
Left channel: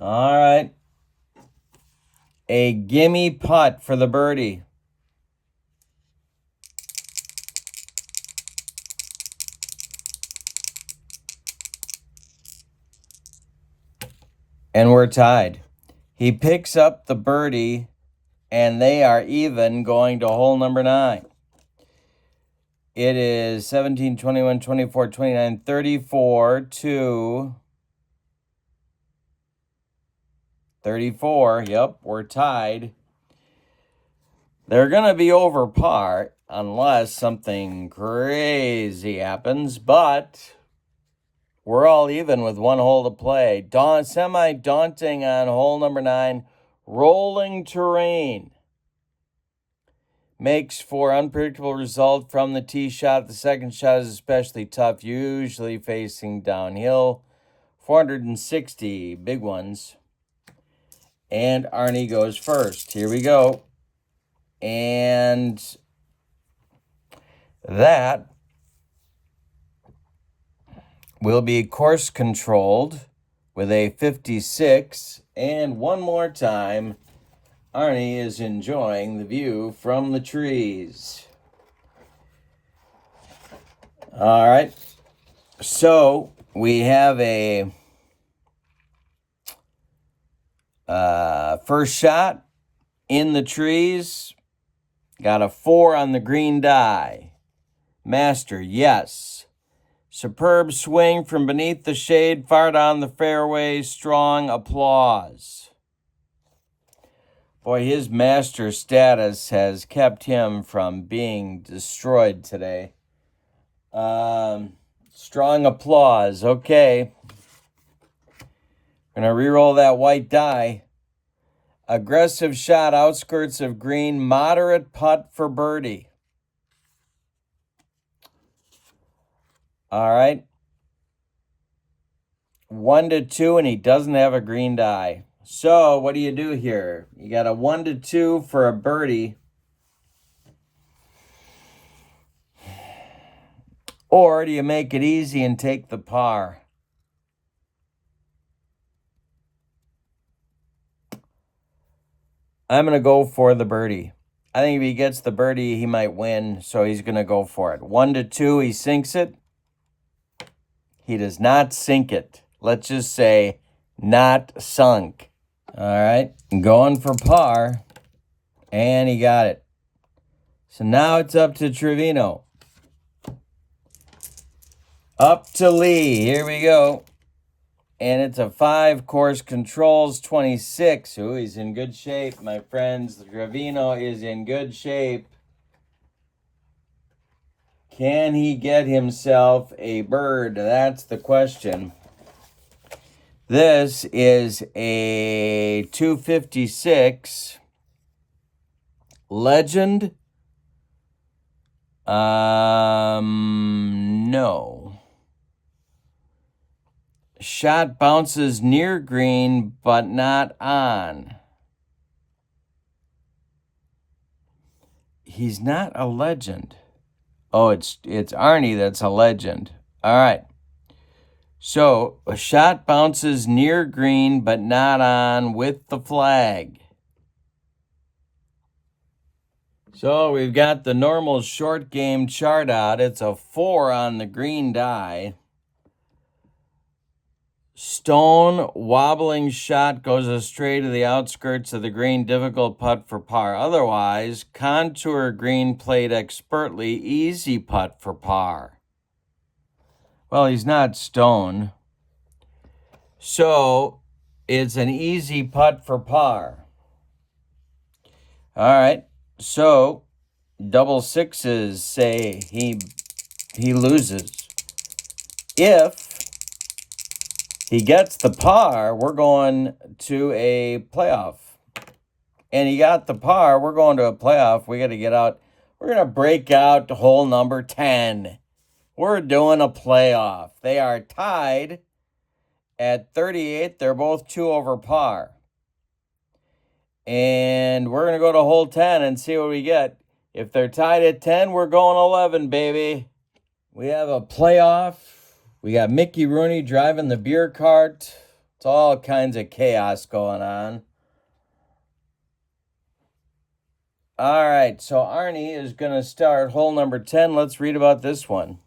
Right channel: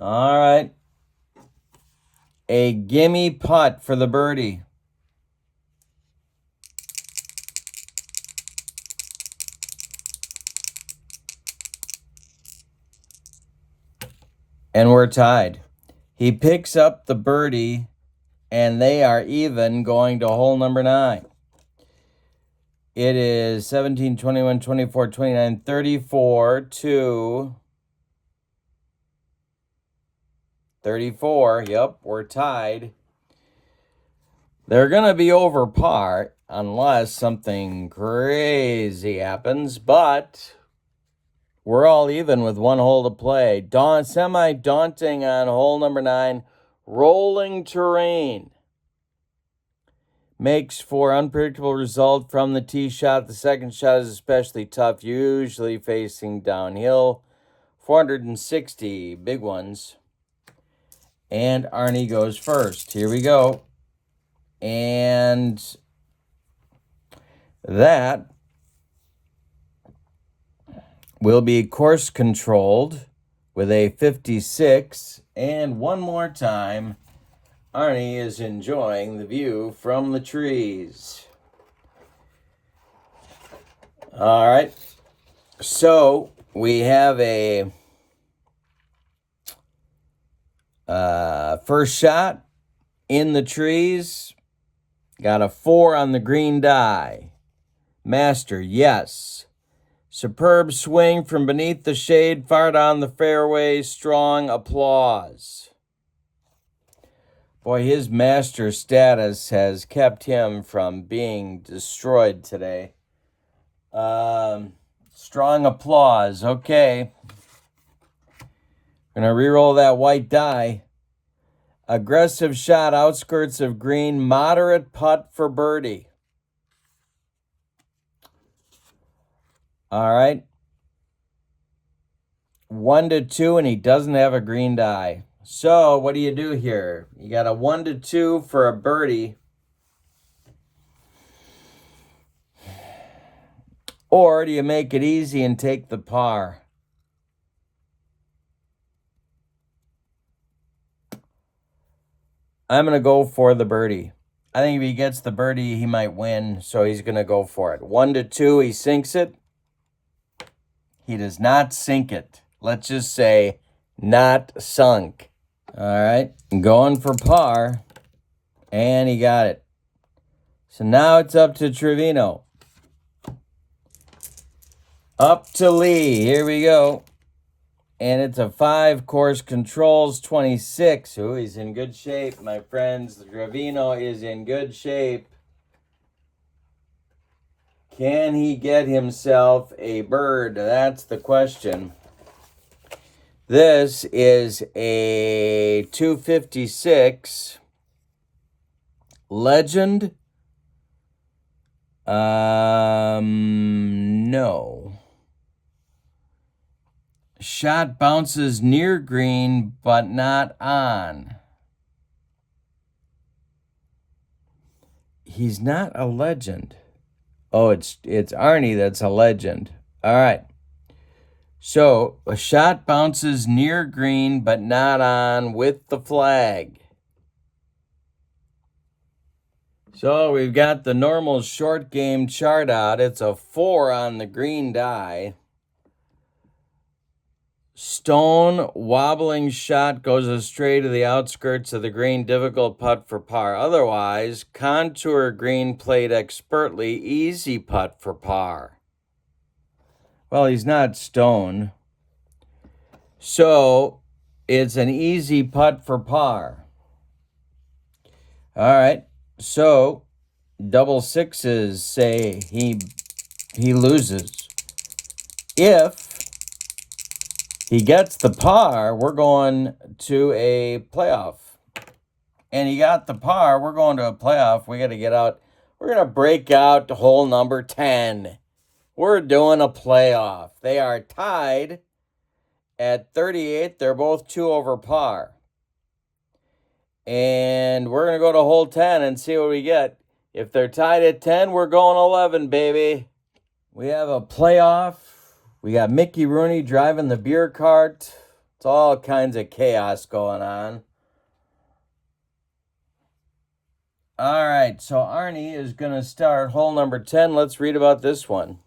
All right. A gimme putt for the birdie. And we're tied. He picks up the birdie, and they are even going to hole number 9. It is 17, 21, 24, 29, 34 to 34. Yep, we're tied. They're going to be over par unless something crazy happens, but we're all even with 1 hole to play. Semi-daunting on hole number 9. Rolling terrain. Makes for unpredictable result from the tee shot. The second shot is especially tough, usually facing downhill. 460, big ones. And Arnie goes first. Here we go. And that will be course controlled with a 56. And one more time, Arnie is enjoying the view from the trees. All right. So we have a first shot in the trees. Got a 4 on the green die. Master, yes. Superb swing from beneath the shade, far down the fairway. Strong applause. Boy, his master status has kept him from being destroyed today. Strong applause. Okay. Gonna re-roll that white die. Aggressive shot, outskirts of green. Moderate putt for birdie. All right. 1 to 2, and he doesn't have a green die. So what do you do here? You got a 1 to 2 for a birdie. Or do you make it easy and take the par? I'm going to go for the birdie. I think if he gets the birdie, he might win, so he's going to go for it. 1-2, he sinks it. He does not sink it. Let's just say not sunk. All right, going for par, and he got it. So now it's up to Trevino. Up to Lee. Here we go. And it's a 5, course controls 26. Oh, he's in good shape, my friends. Trevino is in good shape. Can he get himself a bird? That's the question. This is a 256 Legend. No. Shot bounces near green, but not on. He's not a legend. Oh, it's Arnie that's a legend. All right. So, a shot bounces near green, but not on with the flag. So, we've got the normal short game chart out. It's a 4 on the green die. Stone wobbling shot goes astray to the outskirts of the green, difficult putt for par. Otherwise, contour green played expertly, easy putt for par. Well, he's not Stone. So, it's an easy putt for par. All right. So, double sixes say he loses. If he gets the par, we're going to a playoff. And he got the par, we're going to a playoff. We got to get out. We're going to break out to hole number 10. We're doing a playoff. They are tied at 38. They're both 2 over par. And we're going to go to hole 10 and see what we get. If they're tied at 10, we're going 11, baby. We have a playoff. We got Mickey Rooney driving the beer cart. It's all kinds of chaos going on. All right, so Arnie is going to start hole number 10. Let's read about this one.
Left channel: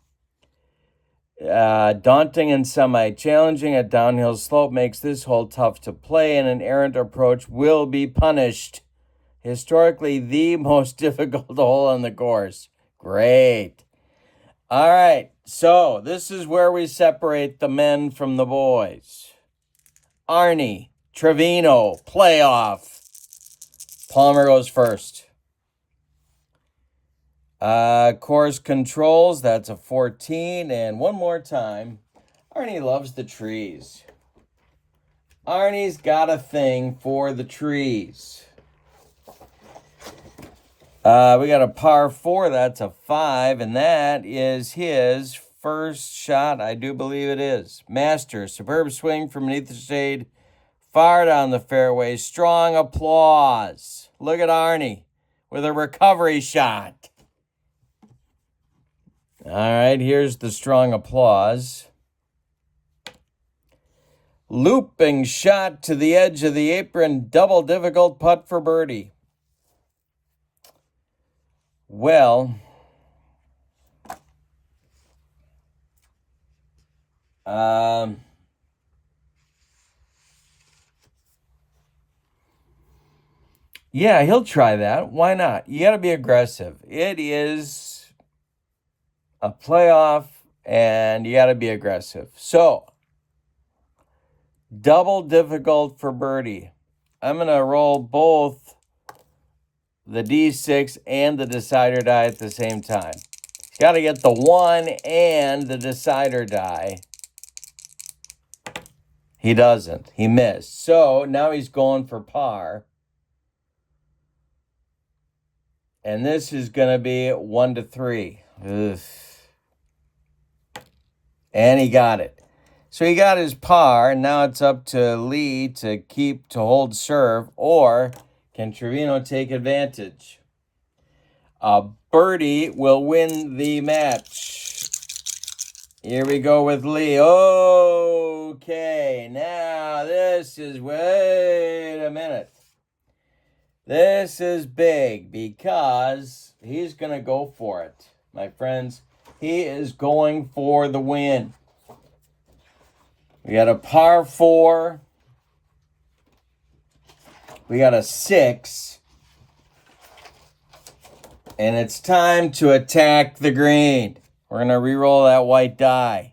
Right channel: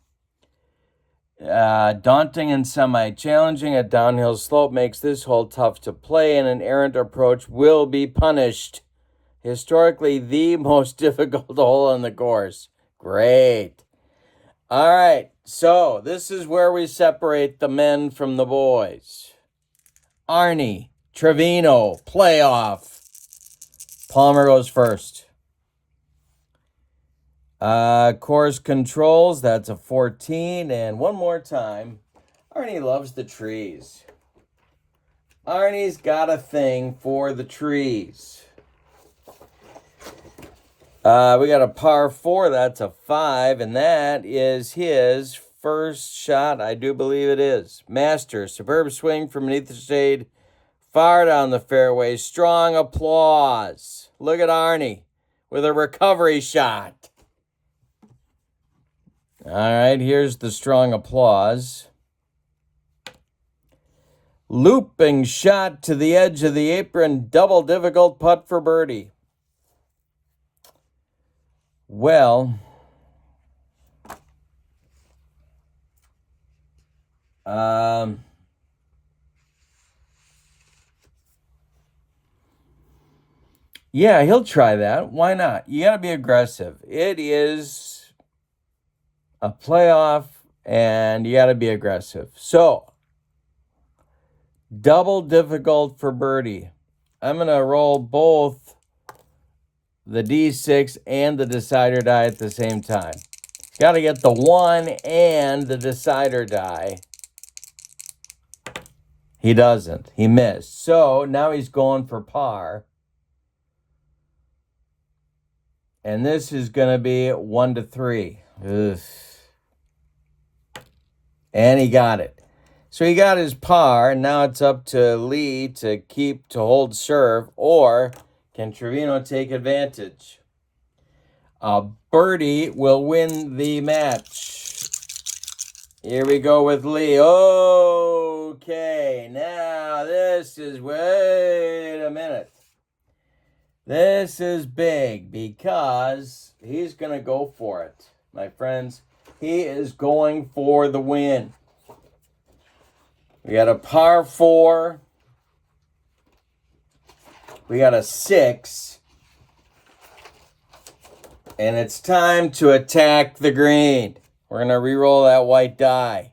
Daunting and semi-challenging. A downhill slope makes this hole tough to play, and an errant approach will be punished. Historically, the most difficult hole on the course. Great. All right, so this is where we separate the men from the boys. Arnie, Trevino, playoff. Palmer goes first. Course controls, that's a 14. And one more time, Arnie loves the trees. Arnie's got a thing for the trees. We got a par 4, that's a 5, and that is his first shot, I do believe it is. Masters, superb swing from beneath the shade, far down the fairway, strong applause. Look at Arnie with a recovery shot. All right, here's the strong applause. Looping shot to the edge of the apron, double difficult putt for birdie. Well, yeah, he'll try that. Why not? You got to be aggressive. It is a playoff, and you got to be aggressive. So, double difficult for birdie. I'm going to roll both the D6 and the decider die at the same time. He's got to get the 1 and the decider die. He doesn't. He missed. So now he's going for par. And this is going to be 1-3. Ugh. And he got it. So he got his par. Now it's up to Lee to hold serve. Or can Trevino take advantage? A birdie will win the match. Here we go with Lee. Okay, now this is, wait a minute. This is big because he's going to go for it. My friends, he is going for the win. We got a par 4. We got a 6. And it's time to attack the green. We're going to re-roll that white die.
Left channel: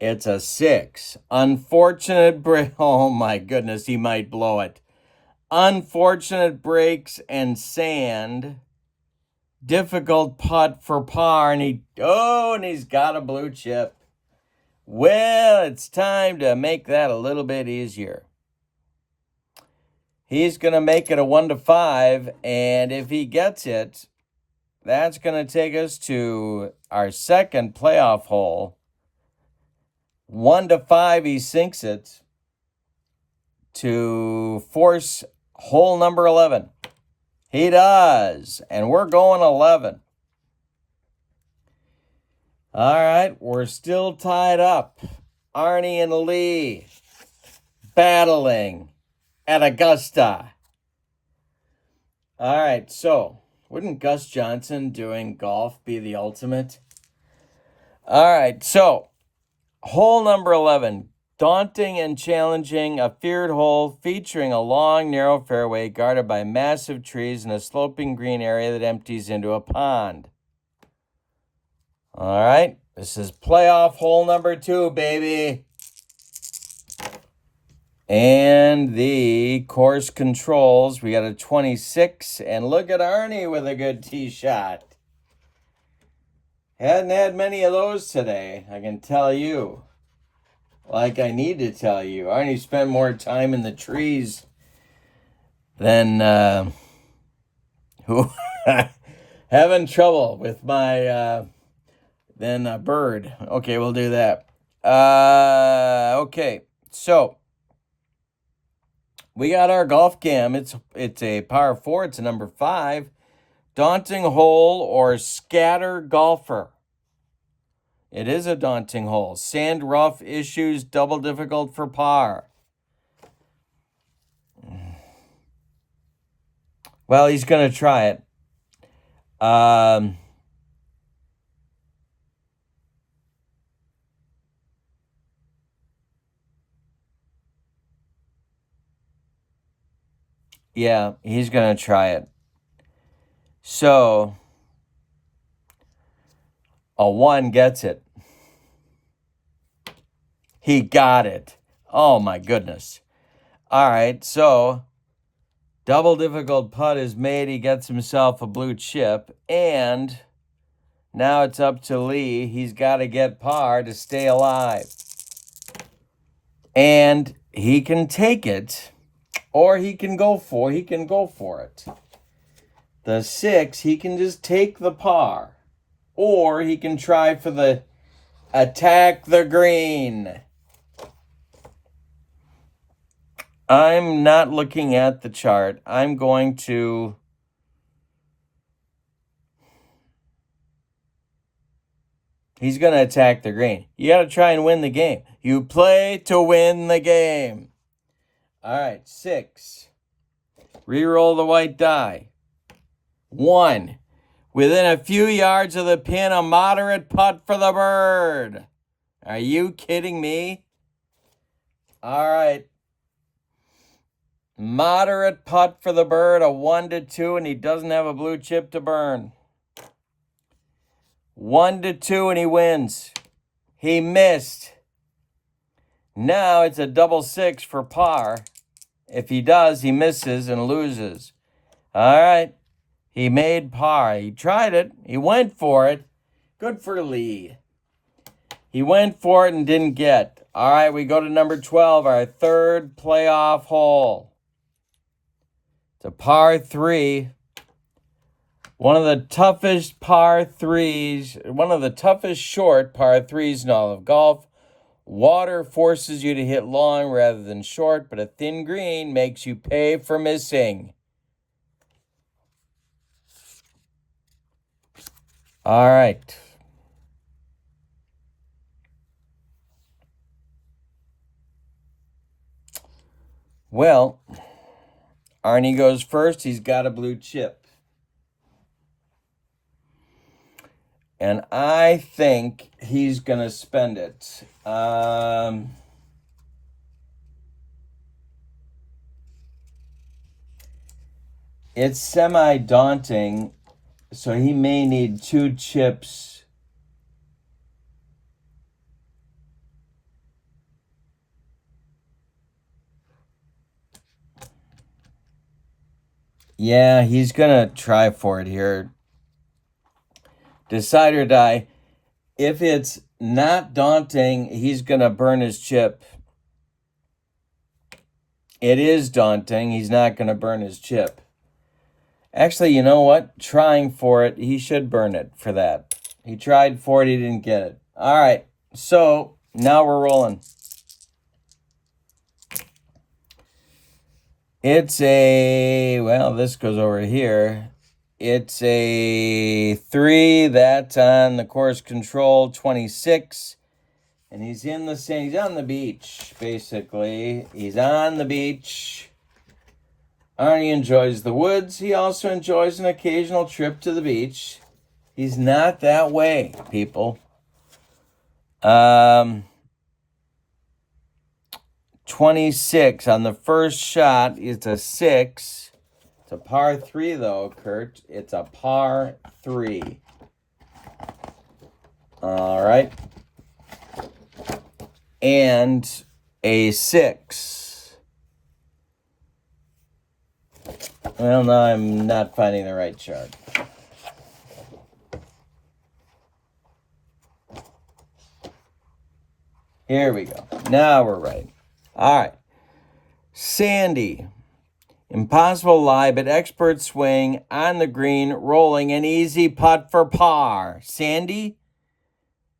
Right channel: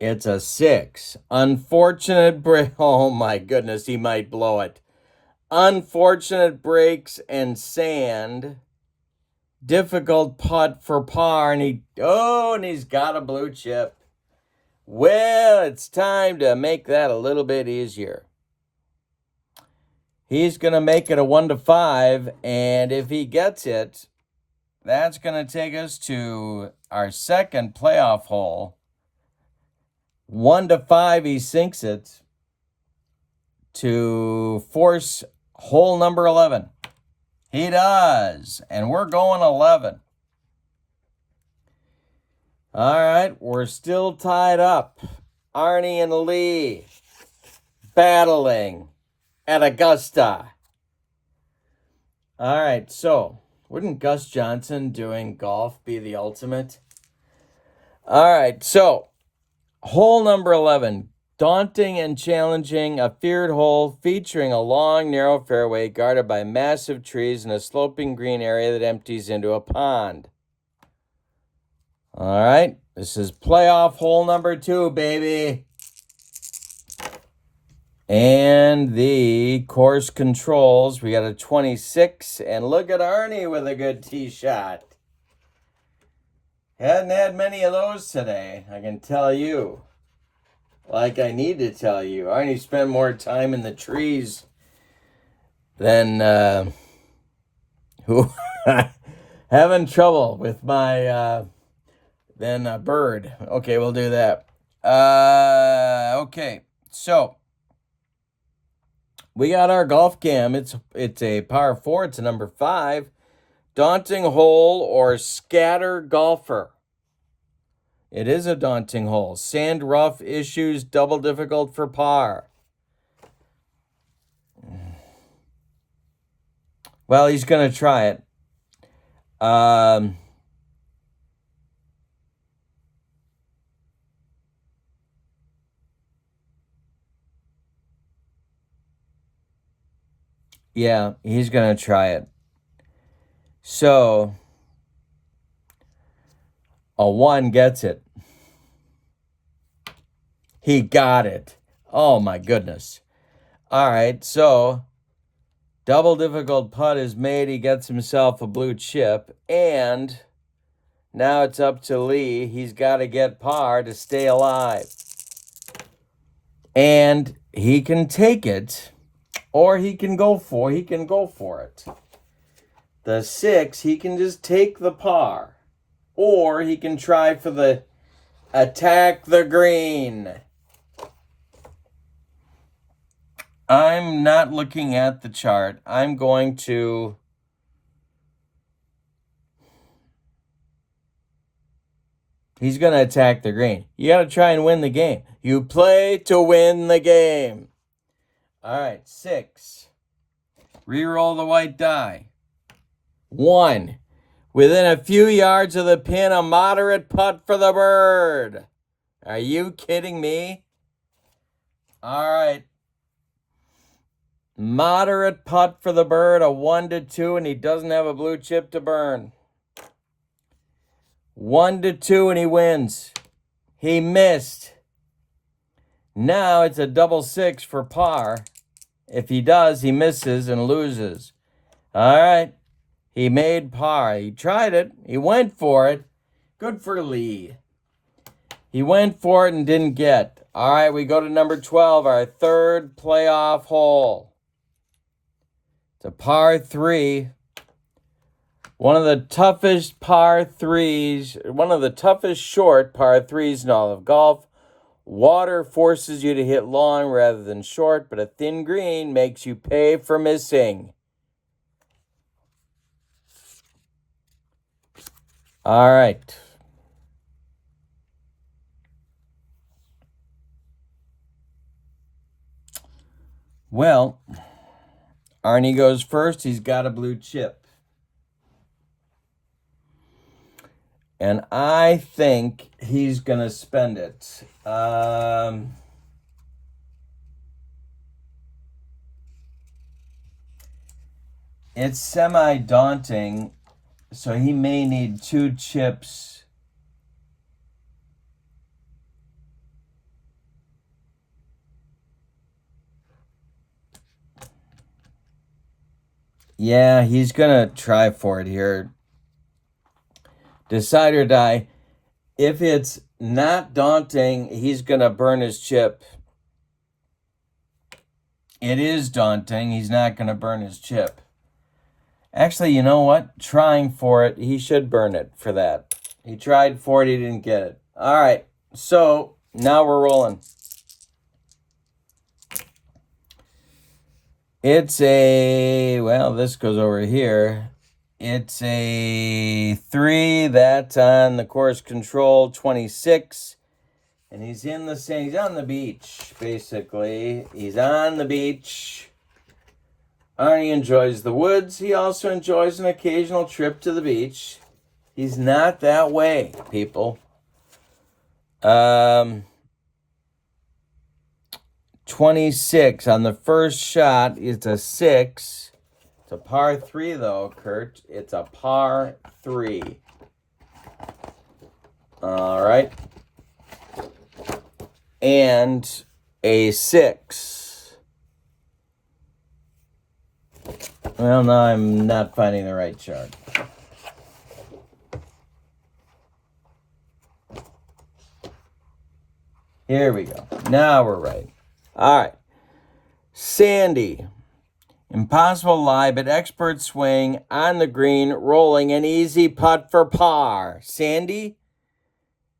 It's a 6. Unfortunate break. Oh my goodness, he might blow it. Unfortunate breaks and sand. Difficult putt for par, and he's got a blue chip. Well, it's time to make that a little bit easier. He's going to make it a 1-5, and if he gets it, that's going to take us to our second playoff hole. 1-5, he sinks it to force hole number 11. He does, and we're going 11. All right, we're still tied up. Arnie and Lee battling at Augusta. All right, so wouldn't Gus Johnson doing golf be the ultimate? All right, so hole number 11, daunting and challenging, a feared hole featuring a long, narrow fairway guarded by massive trees and a sloping green area that empties into a pond. All right, this is playoff hole number 2, baby. And the course controls, we got a 26, and look at Arnie with a good tee shot. Hadn't had many of those today, I can tell you. Like I need to tell you. Arnie spent more time in the trees than who having trouble with my than a bird. Okay, we'll do that. Okay, so we got our golf cam. It's a par 4. It's a number 5. Daunting hole or scatter golfer. It is a daunting hole. Sand rough issues, double difficult for par. Well, he's going to try it. Yeah, he's going to try it. So, a 1 gets it. He got it. Oh, my goodness. All right, so double difficult putt is made. He gets himself a blue chip. And now it's up to Lee. He's got to get par to stay alive. And he can take it, or he can go for it. The 6, he can just take the par. Or he can try for the attack the green. I'm not looking at the chart. I'm going to... He's going to attack the green. You got to try and win the game. You play to win the game. All right, 6. Reroll the white die. 1. Within a few yards of the pin, a moderate putt for the bird. Are you kidding me? All right. Moderate putt for the bird, a 1-2, and he doesn't have a blue chip to burn. 1-2, and he wins. He missed. Now it's a double 6 for par. If he does, he misses and loses. All right. He made par. He tried it. He went for it. Good for Lee. He went for it and didn't get. All right, we go to number 12, our third playoff hole. It's a par 3. One of the toughest par 3s, one of the toughest short par 3s in all of golf. Water forces you to hit long rather than short, but a thin green makes you pay for missing. All right. Well, Arnie goes first. He's got a blue chip. And I think he's going to spend it. It's semi-daunting, so he may need 2 chips. Yeah, he's going to try for it here. Decide or die. If it's not daunting, he's going to burn his chip. It is daunting. He's not going to burn his chip. Actually, you know what? Trying for it, he should burn it for that. He tried for it, he didn't get it. All right, so now we're rolling. It's a, well, this goes over here. It's a 3. That's on the course control, 26. And he's in the sand. He's on the beach, basically. He's on the beach. Arnie enjoys the woods. He also enjoys an occasional trip to the beach. He's not that way, people. 26 on the first shot. It's a 6. It's a par 3, though, Kurt. It's a par 3. All right. And a 6. Well, now I'm not finding the right chart. Here we go. Now we're right. All right. Sandy. Impossible lie, but expert swing on the green, rolling an easy putt for par. Sandy?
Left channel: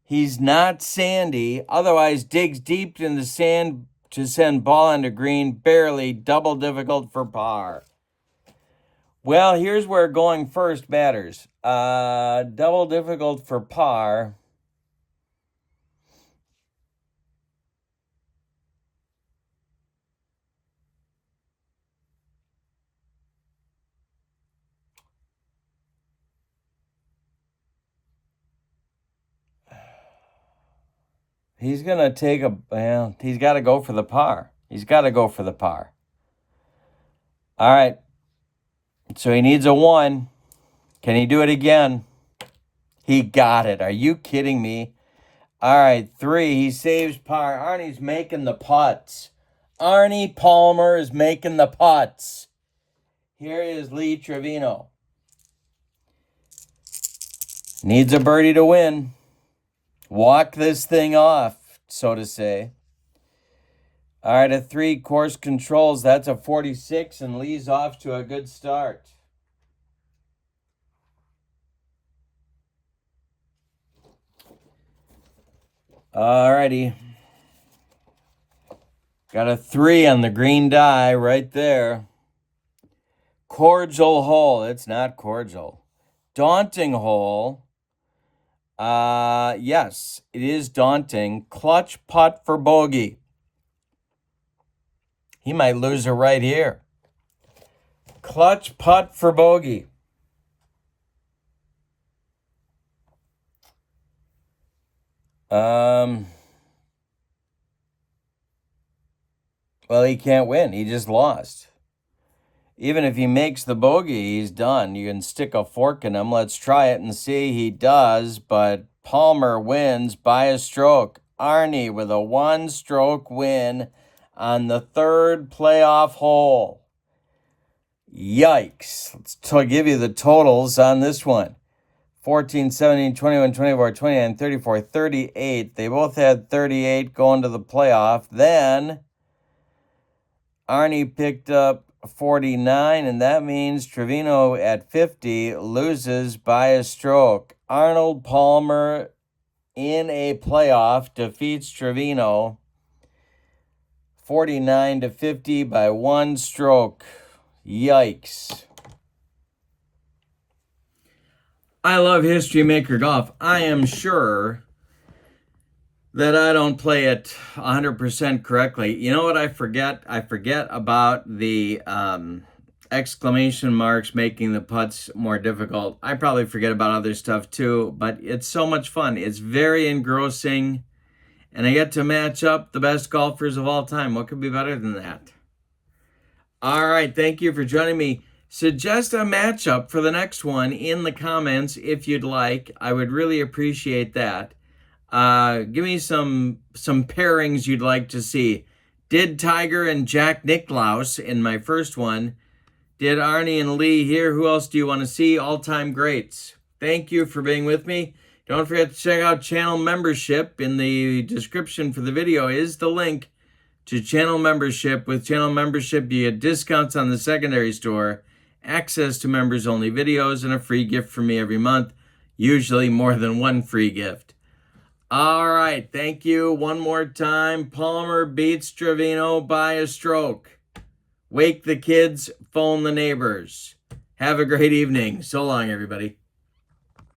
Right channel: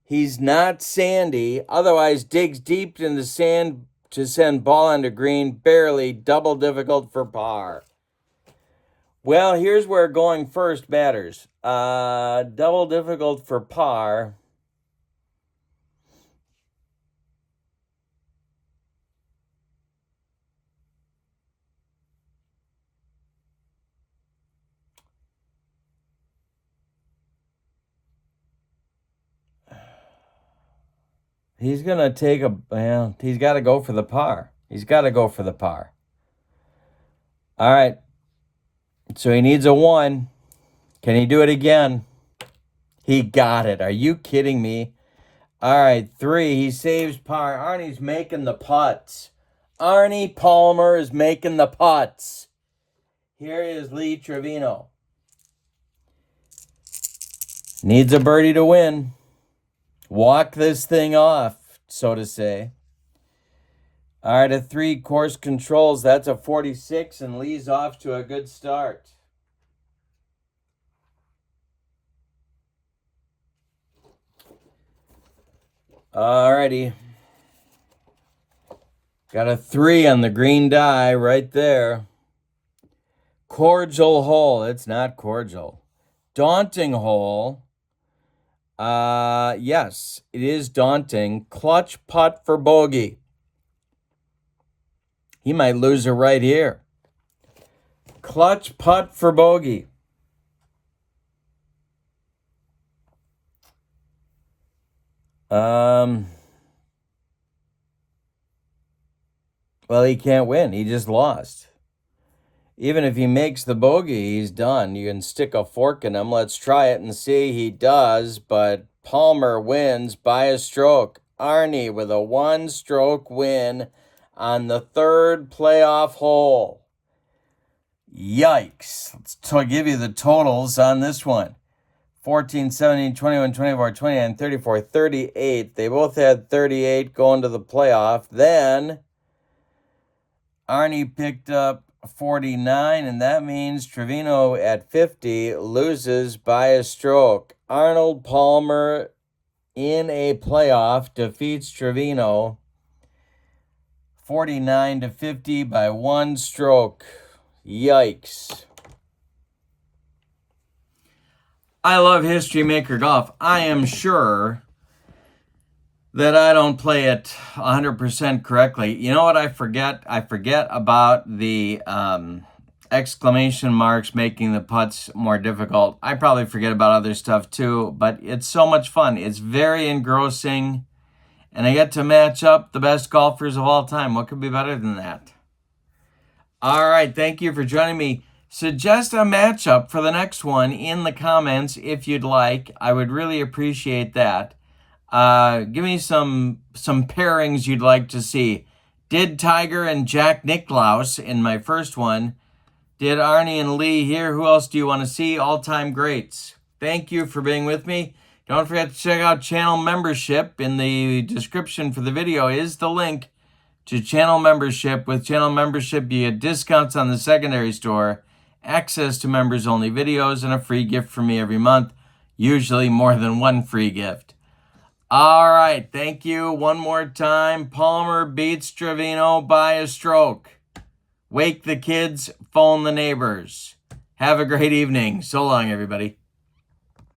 He's not Sandy. Otherwise, digs deep in the sand to send ball onto green. Barely. Double difficult for par. Well, here's where going first matters. Double difficult for par. He's going to take a, well, he's got to go for the par. He's got to go for the par. All right. So he needs a 1. Can he do it again? He got it. Are you kidding me? All right, 3. He saves par. Arnie's making the putts. Arnie Palmer is making the putts. Here is Lee Trevino. Needs a birdie to win. Walk this thing off, so to say. All right, a 3 course controls. That's a 46, and Lee's off to a good start. All righty. Got a 3 on the green die right there. Cordial hole. It's not cordial. Daunting hole. Yes, it is daunting. Clutch putt for bogey. He might lose it right here. Clutch putt for bogey. Well, he can't win. He just lost. Even if he makes the bogey, he's done. You can stick a fork in him. Let's try it and see. He does, but Palmer wins by a stroke. Arnie with a 1-stroke win on the 3rd playoff hole. Yikes. Let's give you the totals on this one. 14, 17, 21, 24, 29, 34, 38. They both had 38 going to the playoff. Then Arnie picked up 49, and that means Trevino at 50 loses by a stroke. Arnold Palmer in a playoff defeats Trevino 49-50 by 1 stroke. Yikes. I love History Maker Golf. I am sure that I don't play it 100% correctly. You know what I forget? I forget about the exclamation marks making the putts more difficult. I probably forget about other stuff too, but it's so much fun. It's very engrossing, and I get to match up the best golfers of all time. What could be better than that? All right, thank you for joining me. Suggest a matchup for the next one in the comments if you'd like. I would really appreciate that. Give me some pairings you'd like to see. Did Tiger and Jack Nicklaus in my first one? Did Arnie and Lee here? Who else do you want to see? All-time greats. Thank you for being with me. Don't forget to check out channel membership. In the description for the video is the link to channel membership. With channel membership, you get discounts on the secondary store, access to members-only videos, and a free gift from me every month, usually more than one free gift. All right, thank you one more time. Palmer beats Trevino by a stroke. Wake the kids, phone the neighbors. Have a great evening. So long, everybody.